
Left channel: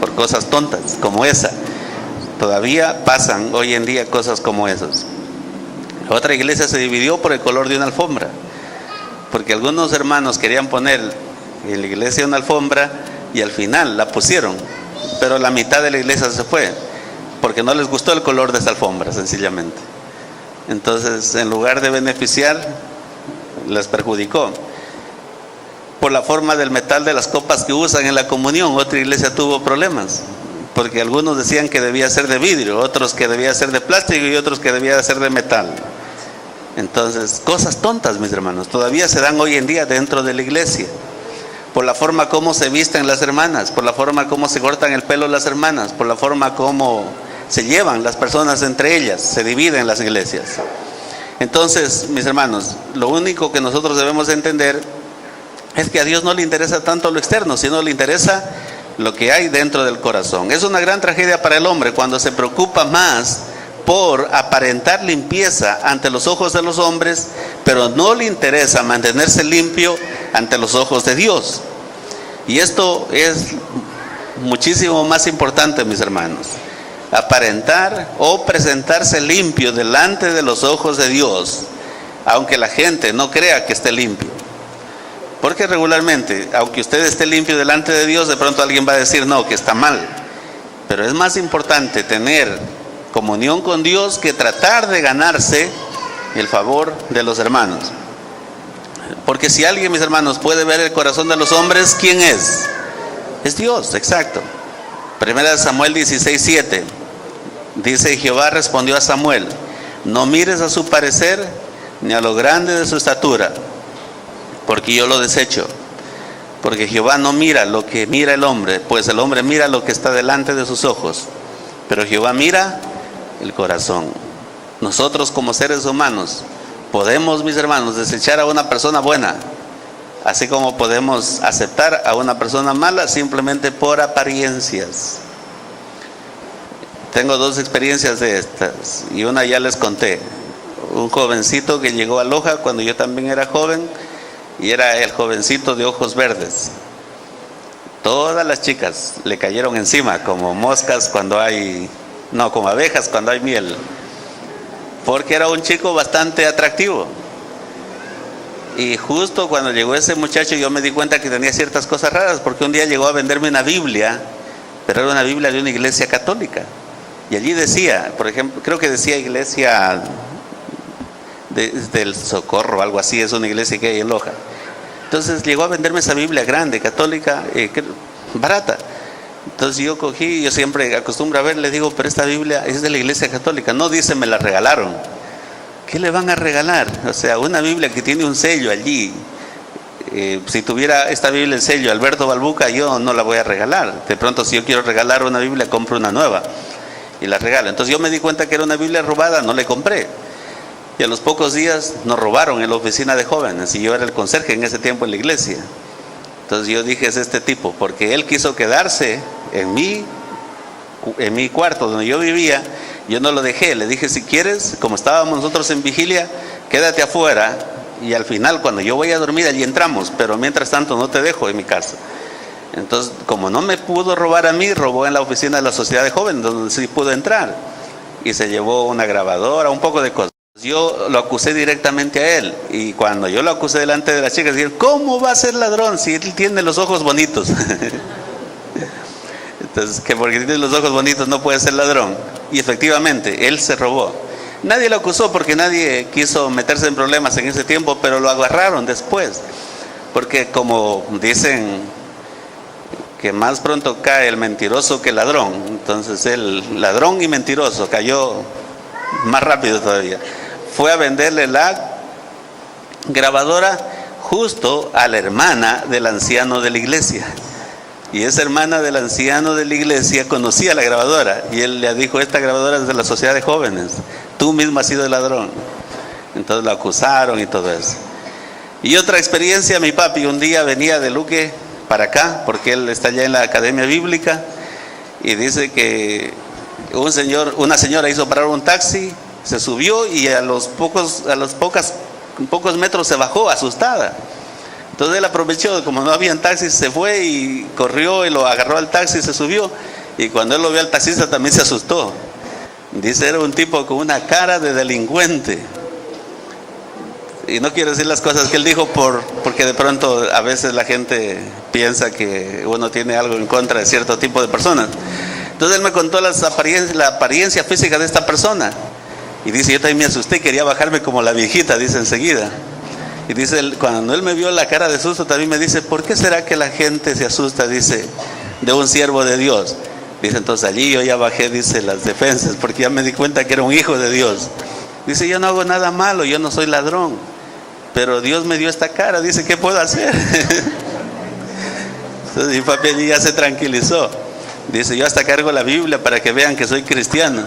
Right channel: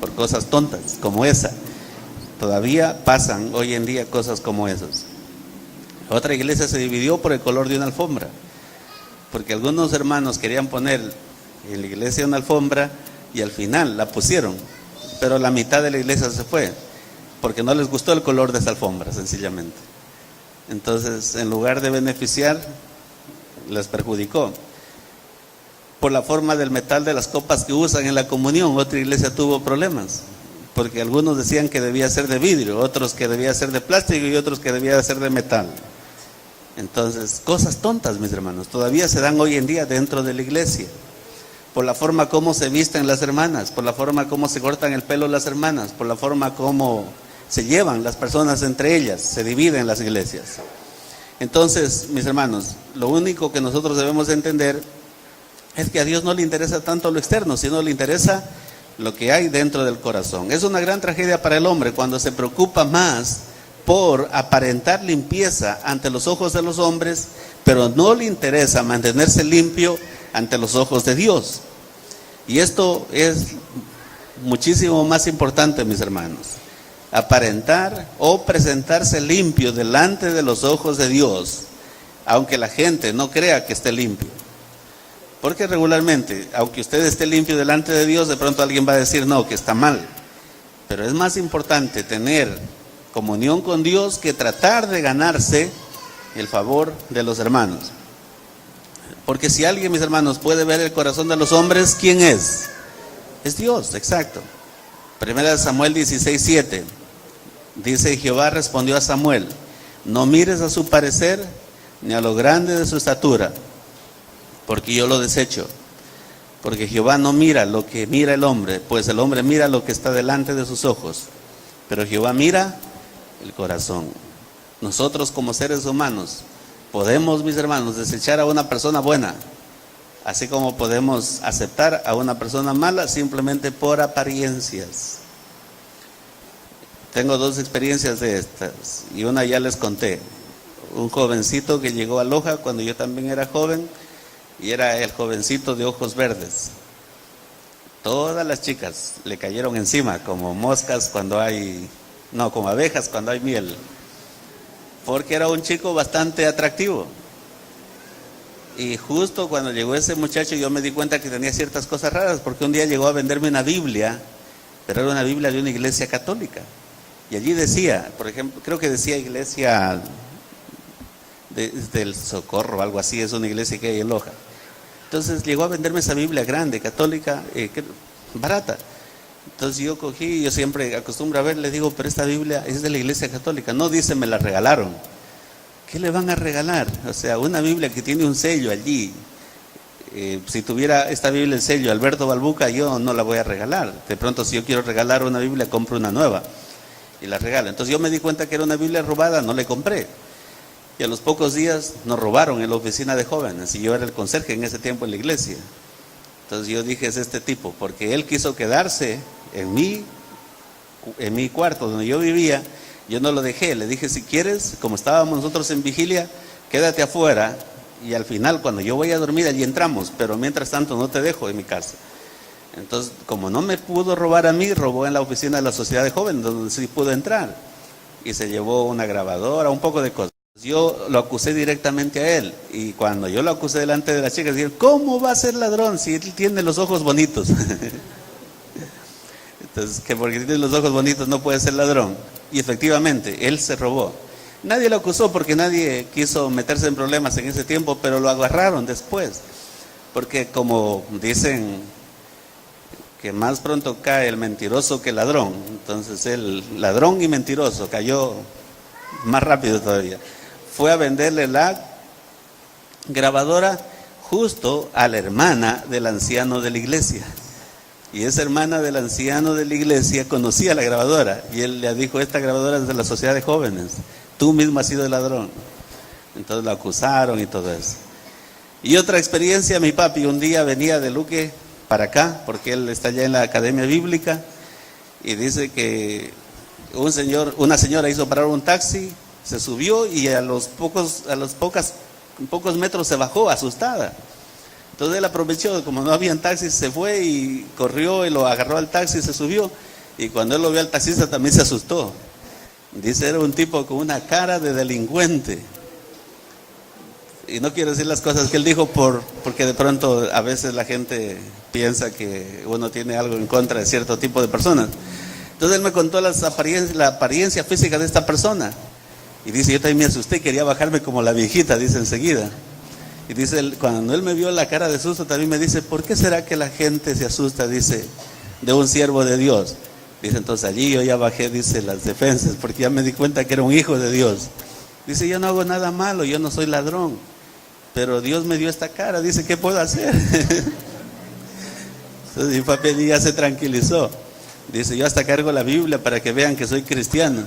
por cosas tontas como esa. Todavía pasan hoy en día cosas como esas. Otra iglesia se dividió por el color de una alfombra, porque algunos hermanos querían poner en la iglesia una alfombra y al final la pusieron, pero la mitad de la iglesia se fue porque no les gustó el color de esa alfombra, sencillamente. Entonces, en lugar de beneficiar, les perjudicó. Por la forma del metal de las copas que usan en la comunión, otra iglesia tuvo problemas, porque algunos decían que debía ser de vidrio, otros que debía ser de plástico y otros que debía ser de metal. Entonces, cosas tontas, mis hermanos, todavía se dan hoy en día dentro de la iglesia. Por la forma como se visten las hermanas, por la forma como se cortan el pelo las hermanas, por la forma como se llevan las personas entre ellas, se dividen las iglesias. Entonces, mis hermanos, lo único que nosotros debemos entender es que a Dios no le interesa tanto lo externo, sino le interesa lo que hay dentro del corazón. Es una gran tragedia para el hombre cuando se preocupa más por aparentar limpieza ante los ojos de los hombres, pero no le interesa mantenerse limpio ante los ojos de Dios. Y esto es muchísimo más importante, mis hermanos. Aparentar o presentarse limpio delante de los ojos de Dios, aunque la gente no crea que esté limpio. Porque regularmente, aunque usted esté limpio delante de Dios, de pronto alguien va a decir, no, que está mal. Pero es más importante tener comunión con Dios que tratar de ganarse el favor de los hermanos. Porque si alguien, mis hermanos, puede ver el corazón de los hombres, ¿quién es? Es Dios, exacto. 1 Samuel 16:7 dice, Jehová respondió a Samuel, no mires a su parecer ni a lo grande de su estatura, porque yo lo desecho. Porque Jehová no mira lo que mira el hombre, pues el hombre mira lo que está delante de sus ojos, pero Jehová mira el corazón. Nosotros como seres humanos podemos, mis hermanos, desechar a una persona buena, así como podemos aceptar a una persona mala simplemente por apariencias. Tengo dos experiencias de estas y una ya les conté. un jovencito que llegó a Loja cuando yo también era joven, y era el jovencito de ojos verdes. Todas las chicas le cayeron encima como moscas cuando hay, no, como abejas cuando hay miel, porque era un chico bastante atractivo. Y justo cuando llegó ese muchacho yo me di cuenta que tenía ciertas cosas raras, porque un día llegó a venderme una Biblia, pero era una Biblia de una iglesia católica. Y allí decía, por ejemplo, creo que decía Iglesia del Socorro o algo así, es una iglesia que hay en Loja. Entonces llegó a venderme esa Biblia grande, católica, barata. Entonces yo cogí, yo siempre acostumbro a ver, le digo, pero esta Biblia es de la iglesia católica. No, dice, me la regalaron. ¿Qué le van a regalar? O sea, una Biblia que tiene un sello allí. Si tuviera esta Biblia el sello Alberto Balbuca, yo no la voy a regalar. De pronto, si yo quiero regalar una Biblia, compro una nueva y la regalo. Entonces yo me di cuenta que era una Biblia robada, no le compré. Y a los pocos días nos robaron en la oficina de jóvenes, y yo era el conserje en ese tiempo en la iglesia. Entonces yo dije, es este tipo, porque él quiso quedarse en mi cuarto donde yo vivía. Yo no lo dejé, le dije, si quieres, como estábamos nosotros en vigilia, quédate afuera, y al final cuando yo voy a dormir allí entramos, pero mientras tanto no te dejo en mi casa. Entonces, como no me pudo robar a mí, robó en la oficina de la sociedad de jóvenes, donde sí pudo entrar, y se llevó una grabadora, un poco de cosas. Yo lo acusé directamente a él, y cuando yo lo acusé delante de las chicas, dijeron, ¿cómo va a ser ladrón si él tiene los ojos bonitos? Entonces, que porque tiene los ojos bonitos no puede ser ladrón. Y efectivamente, él se robó. Nadie lo acusó porque nadie quiso meterse en problemas en ese tiempo, pero lo agarraron después. Porque como dicen que más pronto cae el mentiroso que el ladrón, entonces el ladrón y mentiroso cayó más rápido todavía. Fue a venderle la grabadora justo a la hermana del anciano de la iglesia. Y esa hermana del anciano de la iglesia conocía la grabadora, y él le dijo, esta grabadora es de la sociedad de jóvenes, tú mismo has sido el ladrón. Entonces lo acusaron y todo eso. Y otra experiencia, mi papi un día venía de Luque para acá, porque él está allá en la academia bíblica, y dice que una señora hizo parar un taxi, se subió y a los pocos metros se bajó asustada. Entonces él aprovechó, como no habían taxis, se fue y corrió y lo agarró al taxi y se subió. Y cuando él lo vio al taxista también se asustó. Dice, era un tipo con una cara de delincuente. Y no quiero decir las cosas que él dijo porque de pronto a veces la gente piensa que uno tiene algo en contra de cierto tipo de personas. Entonces él me contó la apariencia física de esta persona. Y dice, yo también me asusté y quería bajarme como la viejita, dice enseguida. Y dice, cuando él me vio la cara de susto, también me dice, ¿por qué será que la gente se asusta, dice, de un siervo de Dios? Dice, entonces allí yo ya bajé, dice, las defensas, porque ya me di cuenta que era un hijo de Dios. Dice, yo no hago nada malo, yo no soy ladrón, pero Dios me dio esta cara, dice, ¿qué puedo hacer? Entonces mi papi allí ya se tranquilizó. Dice, yo hasta cargo la Biblia para que vean que soy cristiano.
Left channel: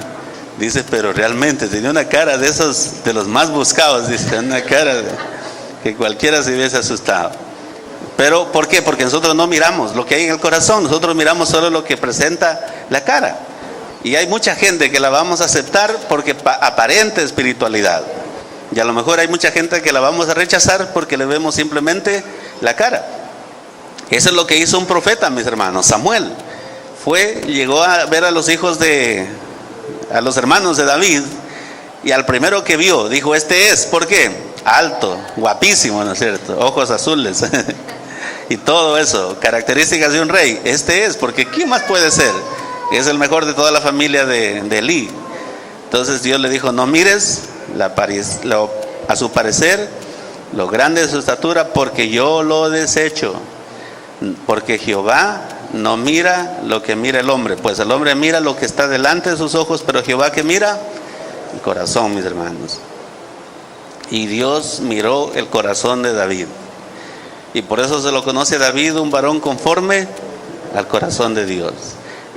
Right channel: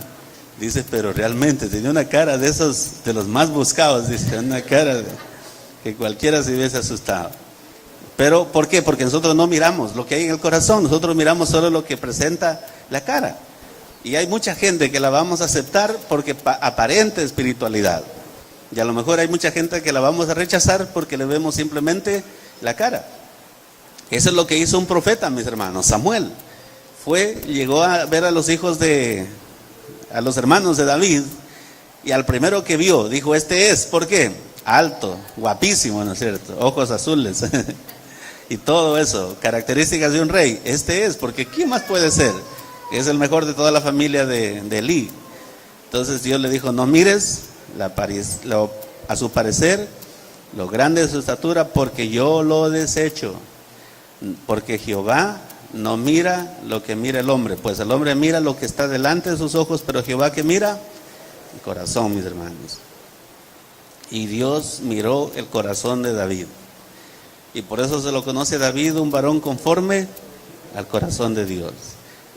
Dice, pero realmente tenía una cara de esos, de los más buscados, dice, una cara que cualquiera se hubiese asustado. Pero, ¿por qué? Porque nosotros no miramos lo que hay en el corazón, nosotros miramos solo lo que presenta la cara. Y hay mucha gente que la vamos a aceptar porque aparente espiritualidad. Y a lo mejor hay mucha gente que la vamos a rechazar porque le vemos simplemente la cara. Eso es lo que hizo un profeta, mis hermanos, Samuel. Llegó a ver a los hermanos de David, y al primero que vio, dijo, este es, ¿por qué? Alto, guapísimo, ¿no es cierto? Ojos azules y todo eso, características de un rey. Este es, porque ¿quién más puede ser? Es el mejor de toda la familia de Elí. Entonces Dios le dijo, no mires a su parecer lo grande de su estatura, porque yo lo desecho. Porque Jehová no mira lo que mira el hombre, pues el hombre mira lo que está delante de sus ojos, pero Jehová, que mira el corazón, mis hermanos. Y Dios miró el corazón de David, y por eso se lo conoce a David, un varón conforme al corazón de Dios.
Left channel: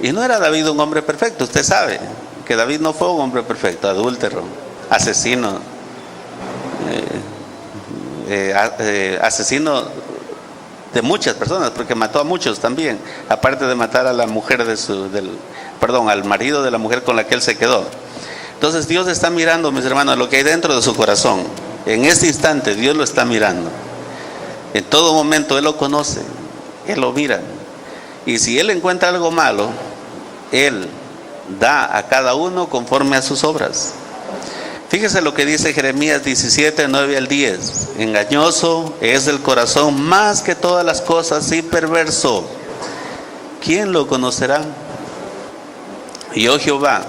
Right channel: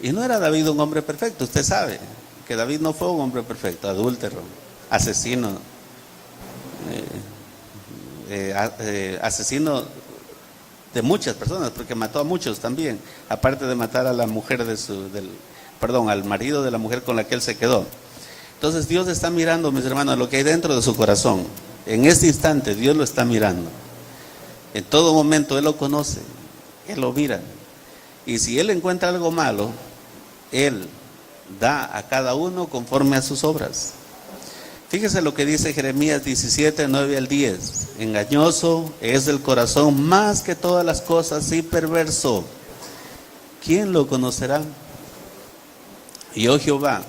Y no era David un hombre perfecto, usted sabe que David no fue un hombre perfecto, adúltero, asesino, asesino de muchas personas, porque mató a muchos también, aparte de matar a la mujer al marido de la mujer con la que él se quedó. Entonces Dios está mirando, mis hermanos, lo que hay dentro de su corazón. En este instante Dios lo está mirando. En todo momento Él lo conoce, Él lo mira. Y si Él encuentra algo malo, Él da a cada uno conforme a sus obras. Fíjese lo que dice Jeremías 17, 9 al 10. Engañoso es el corazón más que todas las cosas y perverso. ¿Quién lo conocerá? Yo Jehová,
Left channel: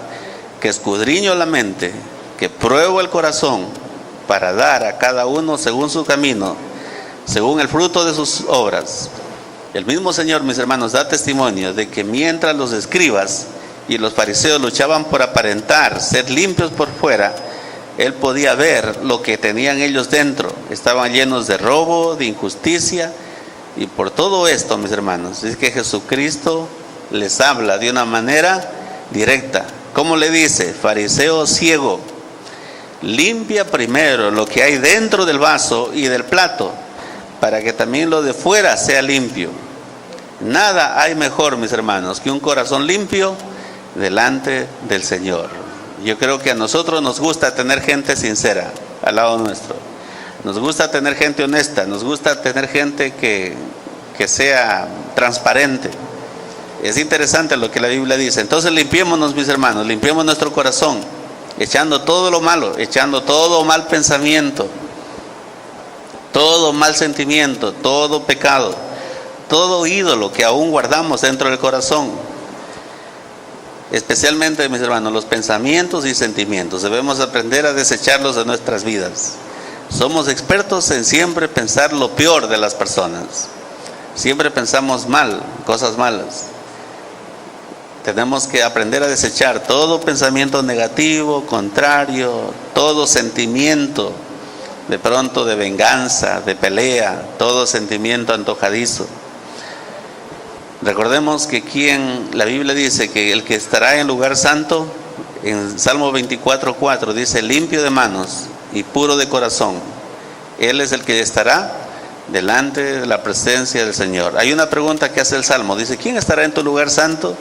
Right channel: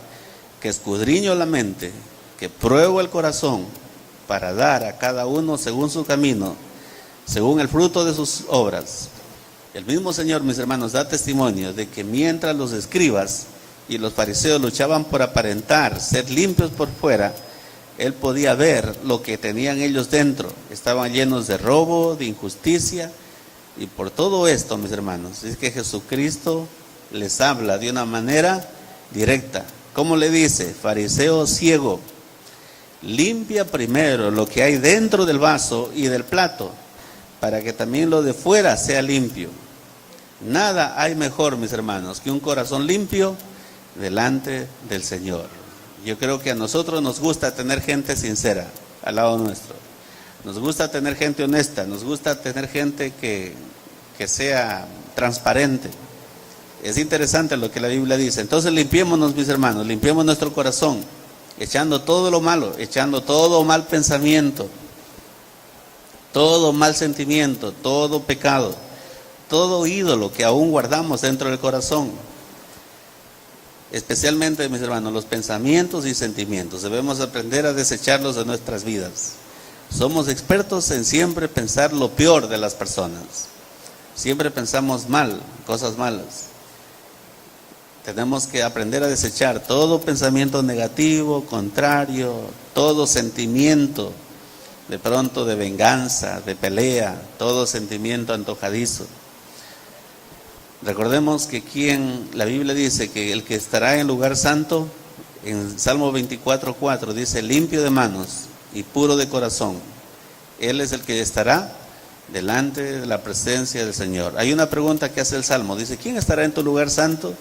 que escudriño la mente, que pruebo el corazón, para dar a cada uno según su camino, según el fruto de sus obras. El mismo Señor, mis hermanos, da testimonio de que mientras los escribas y los fariseos luchaban por aparentar ser limpios por fuera, Él podía ver lo que tenían ellos dentro. Estaban llenos de robo, de injusticia, y por todo esto, mis hermanos, es que Jesucristo les habla de una manera directa. ¿Cómo le dice? Fariseo ciego, limpia primero lo que hay dentro del vaso y del plato, para que también lo de fuera sea limpio. Nada hay mejor, mis hermanos, que un corazón limpio delante del Señor. Yo creo que a nosotros nos gusta tener gente sincera al lado nuestro. Nos gusta tener gente honesta, nos gusta tener gente que sea transparente. Es interesante lo que la Biblia dice. Entonces limpiémonos, mis hermanos, limpiemos nuestro corazón, echando todo lo malo, echando todo mal pensamiento, todo mal sentimiento, todo pecado, todo ídolo que aún guardamos dentro del corazón. Especialmente, mis hermanos, los pensamientos y sentimientos. Debemos aprender a desecharlos de nuestras vidas. Somos expertos en siempre pensar lo peor de las personas. Siempre pensamos mal, cosas malas. Tenemos que aprender a desechar todo pensamiento negativo, contrario, todo sentimiento de pronto de venganza, de pelea, todo sentimiento antojadizo. Recordemos que la Biblia dice que el que estará en lugar santo, en Salmo 24:4 dice, limpio de manos y puro de corazón. Él es el que estará delante de la presencia del Señor. Hay una pregunta que hace el Salmo, dice, ¿quién estará en tu lugar santo?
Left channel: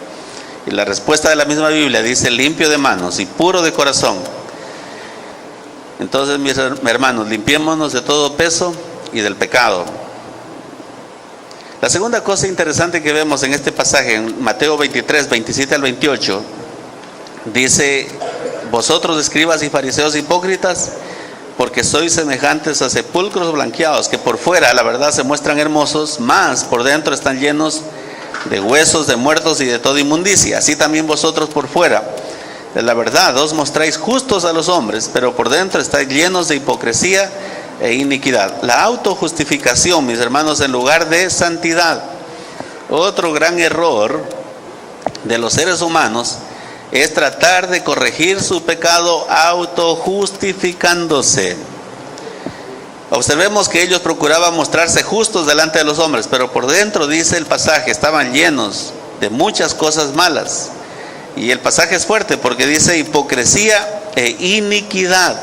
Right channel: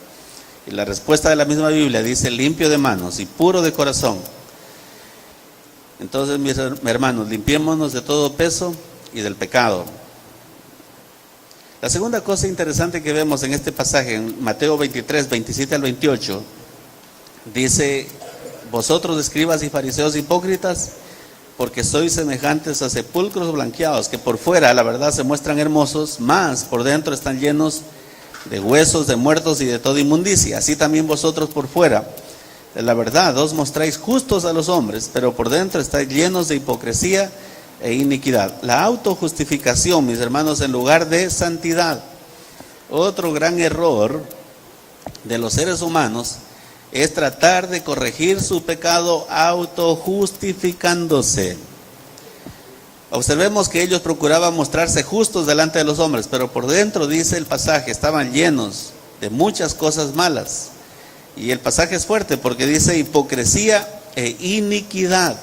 Y la respuesta de la misma Biblia dice, limpio de manos y puro de corazón. Entonces, mis hermanos, limpiémonos de todo peso y del pecado. La segunda cosa interesante que vemos en este pasaje, en Mateo 23, 27 al 28, dice, vosotros escribas y fariseos hipócritas, porque sois semejantes a sepulcros blanqueados, que por fuera, la verdad, se muestran hermosos, mas por dentro están llenos de huesos de muertos y de toda inmundicia. Así también vosotros por fuera, de la verdad, os mostráis justos a los hombres, pero por dentro estáis llenos de hipocresía e iniquidad. La autojustificación, mis hermanos, en lugar de santidad. Otro gran error de los seres humanos es tratar de corregir su pecado autojustificándose. Observemos que ellos procuraban mostrarse justos delante de los hombres, pero por dentro, dice el pasaje, estaban llenos de muchas cosas malas. Y el pasaje es fuerte porque dice hipocresía e iniquidad.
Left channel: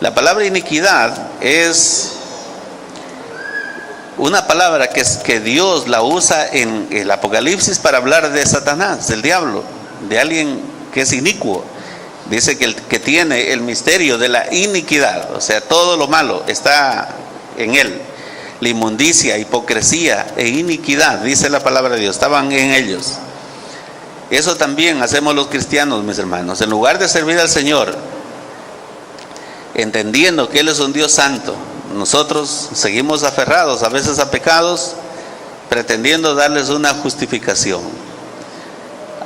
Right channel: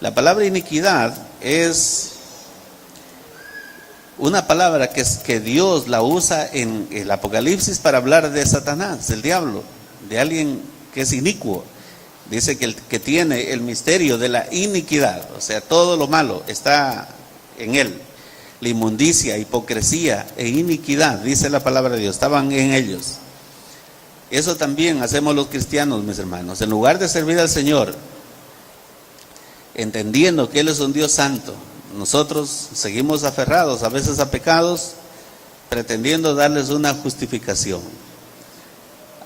La palabra iniquidad es una palabra que Dios la usa en el Apocalipsis para hablar de Satanás, del diablo, de alguien que es inicuo. Dice que tiene el misterio de la iniquidad, o sea, todo lo malo está en él. La inmundicia, hipocresía e iniquidad, dice la palabra de Dios, estaban en ellos. Eso también hacemos los cristianos, mis hermanos. En lugar de servir al Señor, entendiendo que Él es un Dios santo, nosotros seguimos aferrados a veces a pecados, pretendiendo darles una justificación.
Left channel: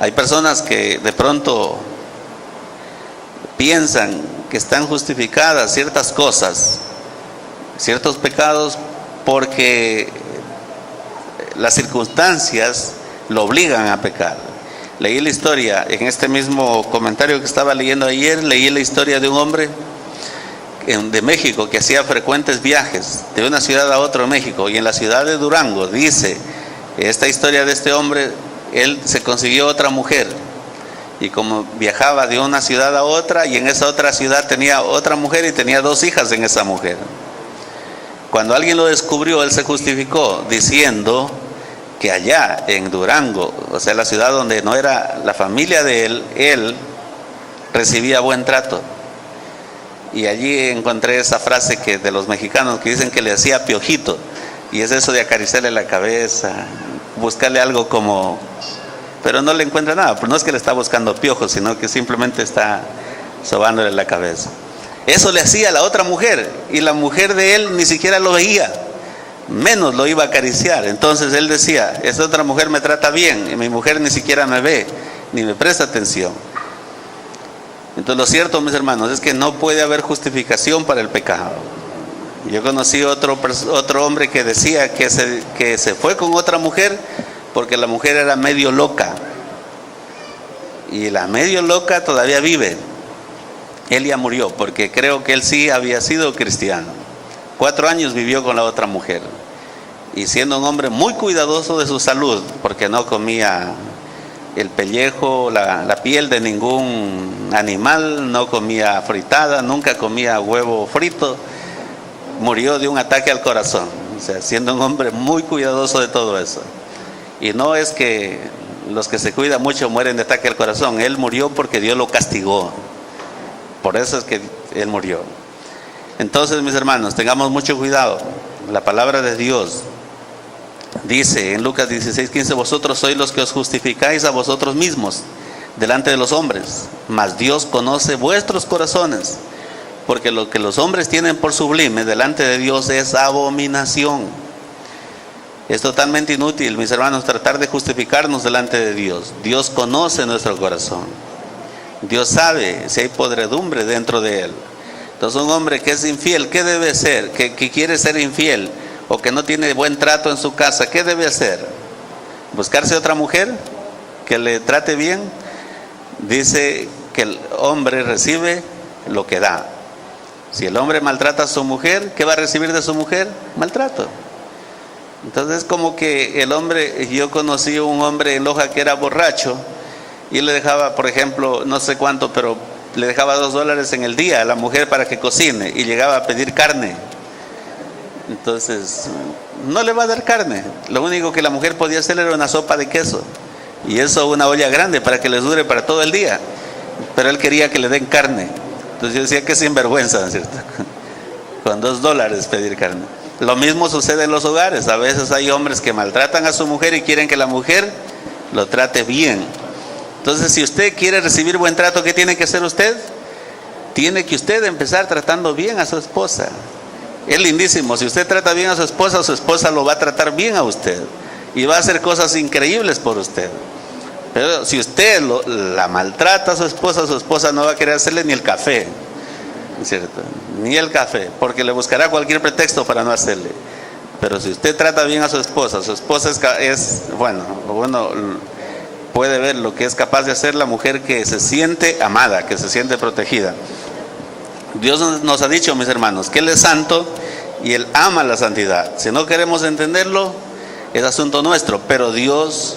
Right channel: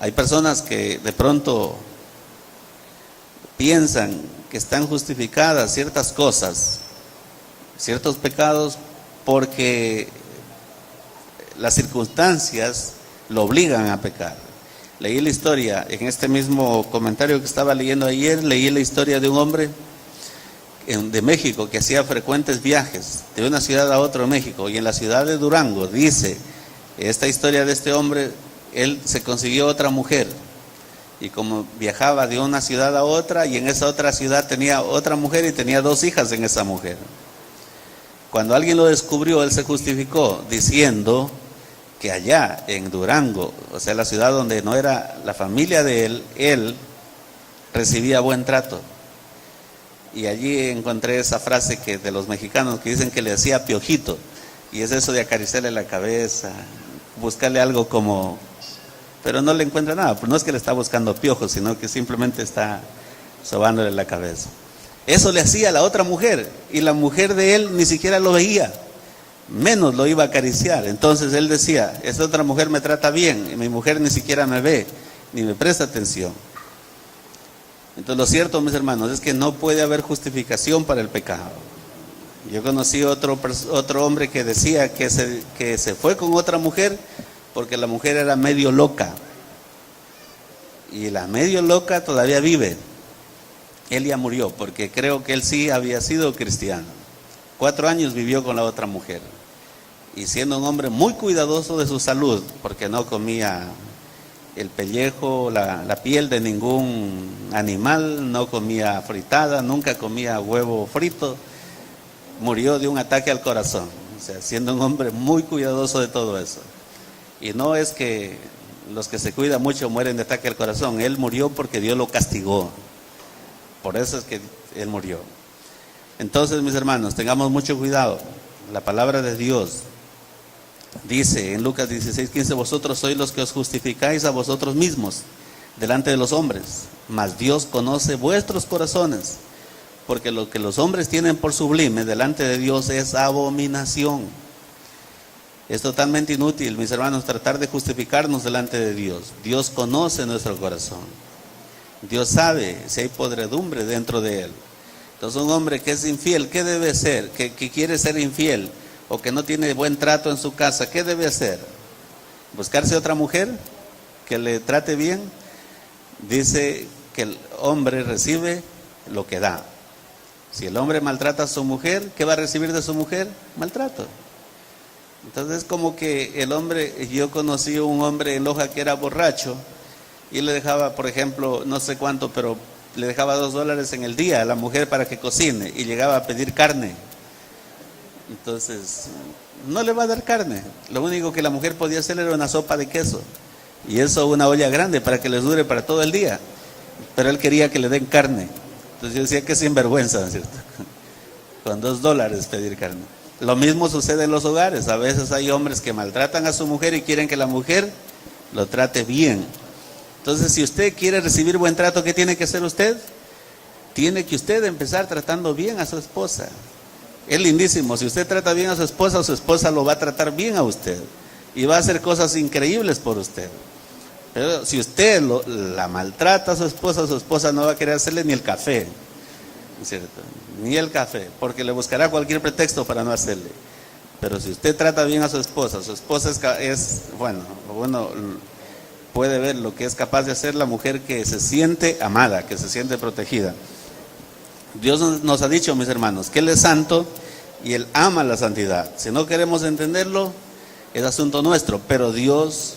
Hay personas que de pronto piensan que están justificadas ciertas cosas, ciertos pecados, porque las circunstancias lo obligan a pecar. Leí la historia, en este mismo comentario que estaba leyendo ayer, leí la historia de un hombre de México que hacía frecuentes viajes de una ciudad a otra en México, y en la ciudad de Durango, dice esta historia de este hombre, él se consiguió otra mujer, y como viajaba de una ciudad a otra, y en esa otra ciudad tenía otra mujer y tenía 2 hijas en esa mujer. Cuando alguien lo descubrió, él se justificó diciendo que allá en Durango, o sea, la ciudad donde no era la familia de él recibía buen trato. Y allí encontré esa frase que de los mexicanos que dicen que le hacía piojito, y es eso de acariciarle la cabeza, buscarle algo como, pero no le encuentra nada, pero no es que le está buscando piojos, sino que simplemente está sobándole la cabeza. Eso le hacía a la otra mujer, y la mujer de él ni siquiera lo veía, menos lo iba a acariciar. Entonces él decía, esta otra mujer me trata bien, y mi mujer ni siquiera me ve, ni me presta atención. Entonces lo cierto, mis hermanos, es que no puede haber justificación para el pecado. Yo conocí otro hombre que decía que se fue con otra mujer porque la mujer era medio loca, y la medio loca todavía vive. Él ya murió, porque creo que él sí había sido cristiano. 4 años vivió con la otra mujer, y siendo un hombre muy cuidadoso de su salud, porque no comía el pellejo, la piel de ningún animal, no comía fritada, nunca comía huevo frito. Murió de un ataque al corazón, o sea, siendo un hombre muy cuidadoso de todo eso. Y no es que los que se cuidan mucho mueren de ataque al corazón, él murió porque Dios lo castigó, por eso es que él murió. Entonces, mis hermanos, tengamos mucho cuidado. La palabra de Dios dice en Lucas 16:15, vosotros sois los que os justificáis a vosotros mismos delante de los hombres, mas Dios conoce vuestros corazones, porque lo que los hombres tienen por sublime delante de Dios es abominación. Es totalmente inútil, mis hermanos, tratar de justificarnos delante de Dios. Dios conoce nuestro corazón. Dios sabe si hay podredumbre dentro de él. Entonces, un hombre que es infiel, ¿qué debe hacer? Que quiere ser infiel, o que no tiene buen trato en su casa, ¿qué debe hacer? ¿Buscarse otra mujer que le trate bien? Dice que el hombre recibe lo que da. Si el hombre maltrata a su mujer, ¿qué va a recibir de su mujer? Maltrato. Entonces es como que el hombre, yo conocí a un hombre en Loja que era borracho, y le dejaba, por ejemplo, no sé cuánto, pero le dejaba $2 en el día a la mujer para que cocine, y llegaba a pedir carne. Entonces no le va a dar carne, lo único que la mujer podía hacer era una sopa de queso, y eso una olla grande para que les dure para todo el día, pero él quería que le den carne. Entonces yo decía que sinvergüenza, ¿cierto? Con $2 pedir carne. Lo mismo sucede en los hogares. A veces hay hombres que maltratan a su mujer y quieren que la mujer lo trate bien. Entonces, si usted quiere recibir buen trato, ¿qué tiene que hacer usted? Tiene que usted empezar tratando bien a su esposa. Es lindísimo, si usted trata bien a su esposa lo va a tratar bien a usted, y va a hacer cosas increíbles por usted. Pero si usted la maltrata a su esposa no va a querer hacerle ni el café, ¿cierto? Ni el café, porque le buscará cualquier pretexto para no hacerle. Pero si usted trata bien a su esposa es bueno, puede ver lo que es capaz de hacer la mujer que se siente amada, que se siente protegida. Dios nos ha dicho, mis hermanos, que Él es santo y Él ama la santidad. Si no queremos entenderlo, es asunto nuestro, pero Dios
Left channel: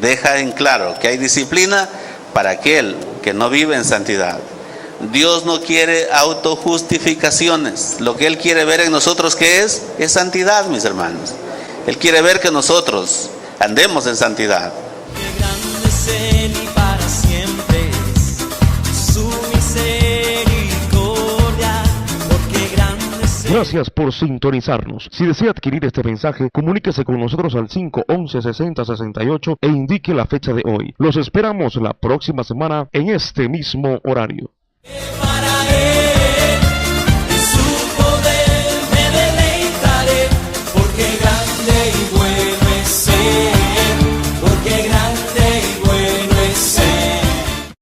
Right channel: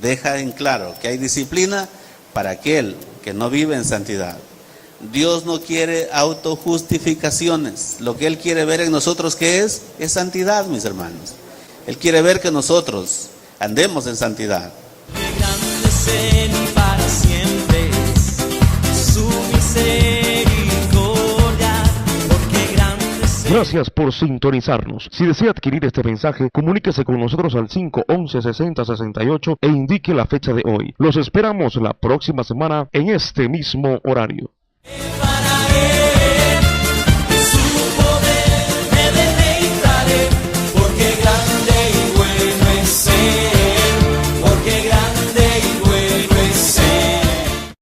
deja en claro que hay disciplina para aquel que no vive en santidad. Dios no quiere autojustificaciones. Lo que Él quiere ver en nosotros, ¿qué es? Es santidad, mis hermanos. Él quiere ver que nosotros andemos en santidad. Qué grande es Él y para siempre es su misericordia, porque grande es Él. Gracias por sintonizarnos. Si desea adquirir este mensaje, comuníquese con nosotros al 511-6068 e indique la fecha de hoy. Los esperamos la próxima semana en este mismo horario. Que